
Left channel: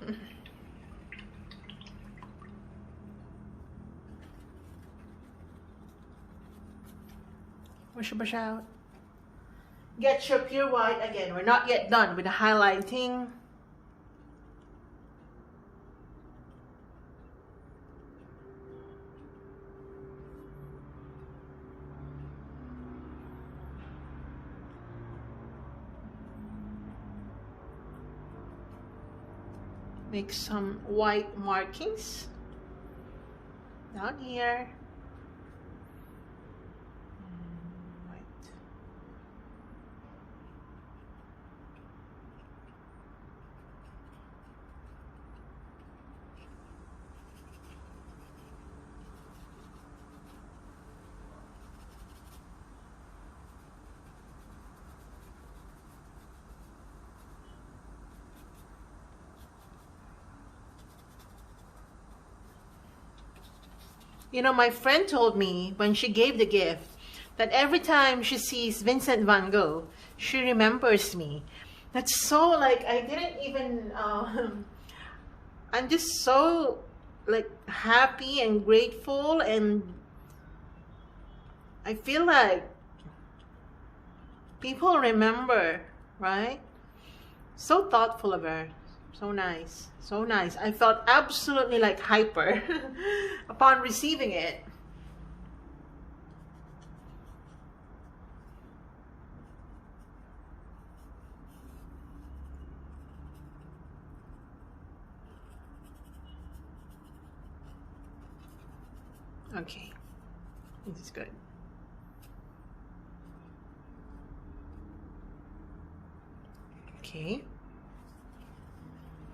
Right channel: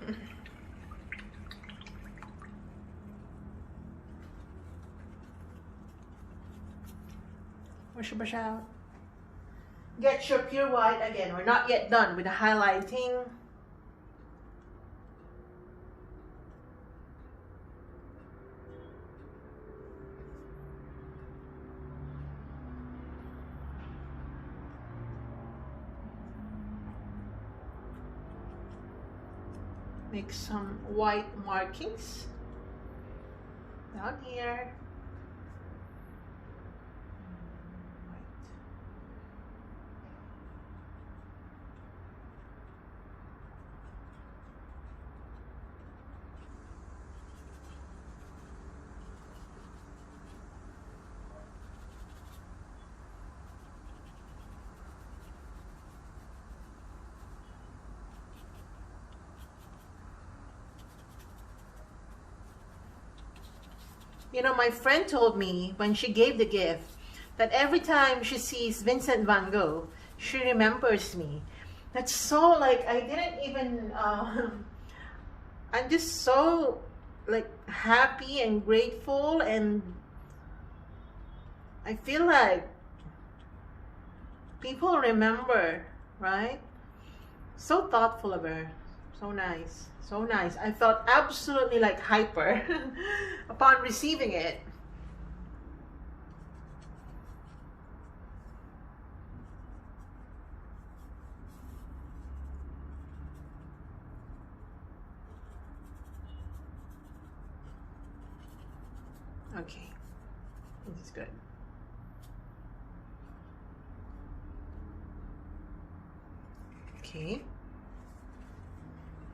Wash your brush out. Get your pure white again. We're not yet done with the highlighting. Make some white markings down here. White. You know, my friend told me when she gave the gift that every time she sees Vincent van Gogh, she remembers me. That's so, like, I didn't even, I'm just so, like, happy and grateful, and I feel like people remember, right? So thoughtful of her. So nice. So nice. I felt absolutely like hyper upon receiving it. Okay. This is good. Okay.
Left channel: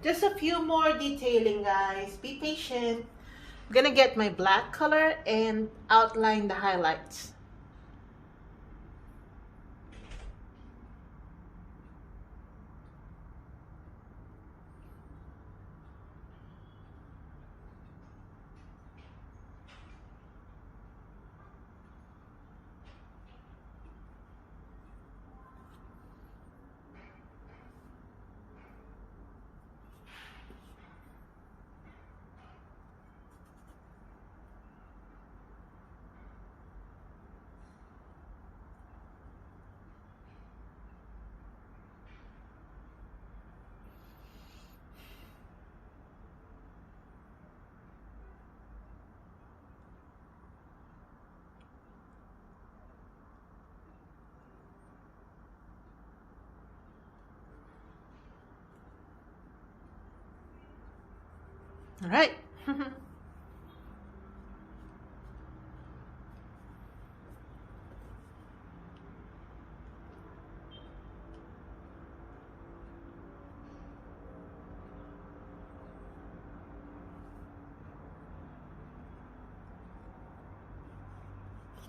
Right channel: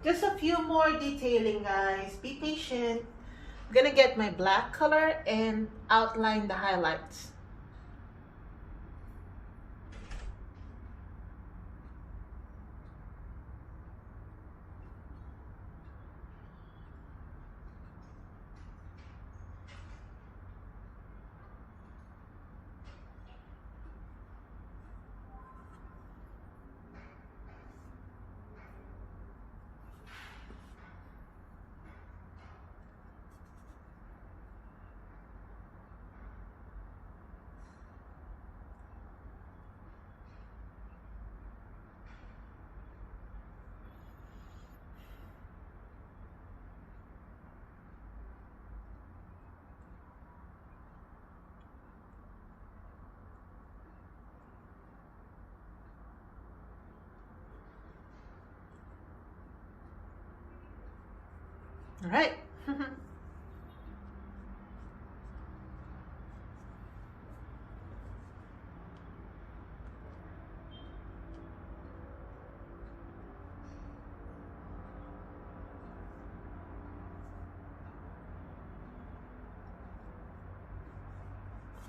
Just a few more detailing, guys. Be patient. I'm gonna get my black color and outline the highlights. All right.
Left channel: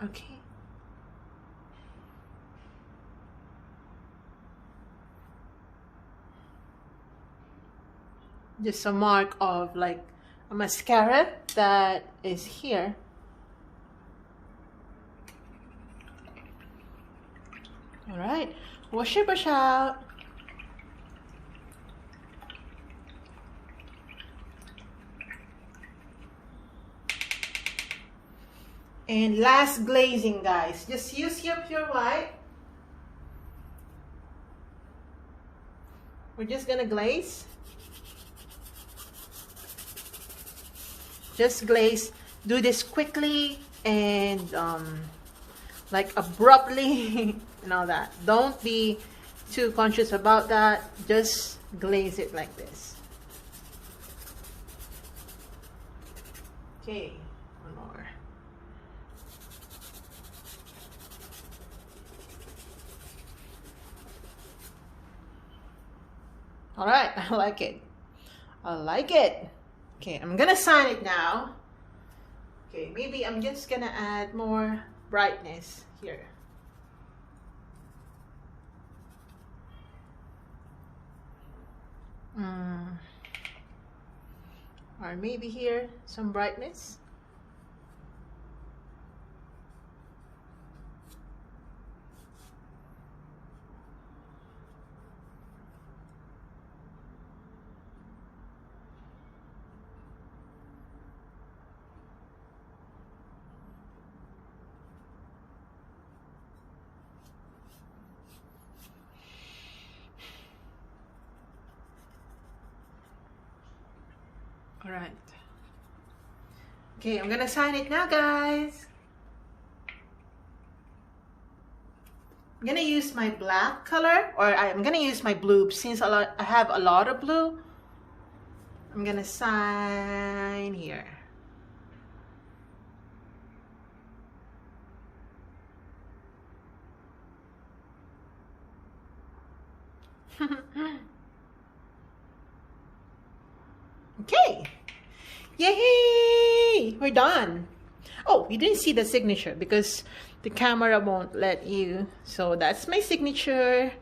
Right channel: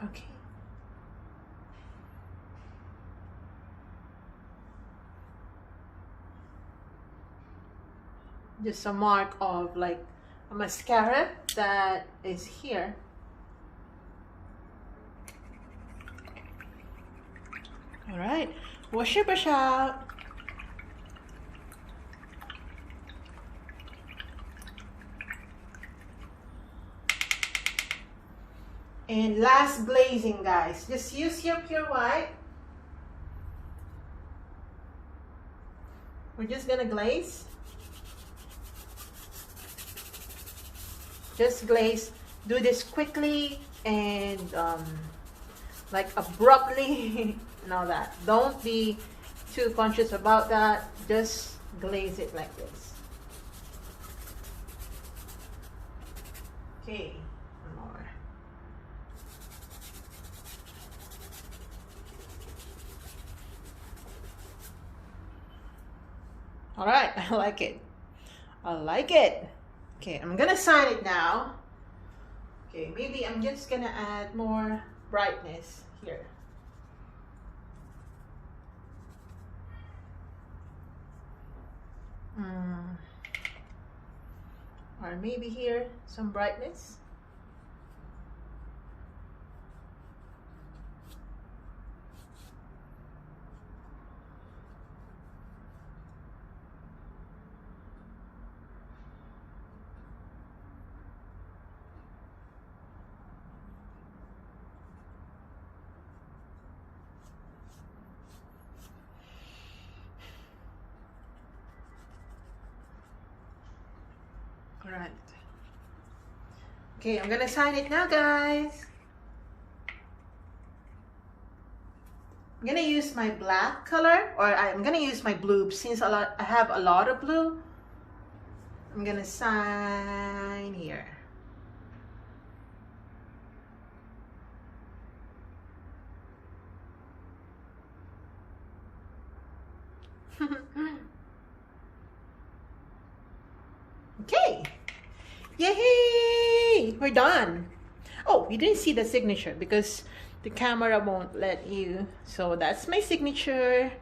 Okay. Just a mark of like a mascara that is here. All right, wash your brush out. And last glazing, guys. Just use your pure white. We're just gonna glaze. Just glaze. Do this quickly and like abruptly and all that. Don't be too conscious about that. Just glaze it like this. Okay, one more. All right, I like it. I like it. Okay, I'm gonna sign it now. Okay, maybe I'm just gonna add more brightness here. Or maybe here, some brightness. Alright. Okay, I'm gonna sign it now, guys. I'm gonna use my black color, or I'm gonna use my blue since I have a lot of blue. I'm gonna sign here. Okay. Yay! We're done. Oh, you didn't see the signature because the camera won't let you. So that's my signature.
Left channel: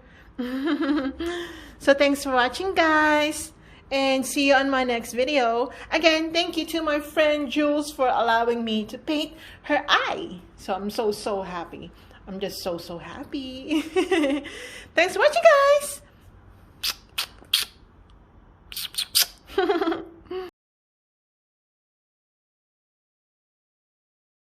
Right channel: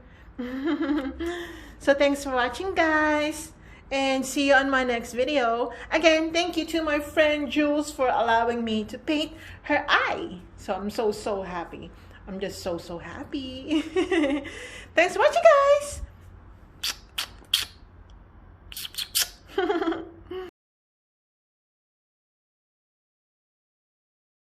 So thanks for watching, guys. And see you on my next video. Again, thank you to my friend Jules for allowing me to paint her eye. So I'm so happy. I'm just so happy. Thanks for watching, guys.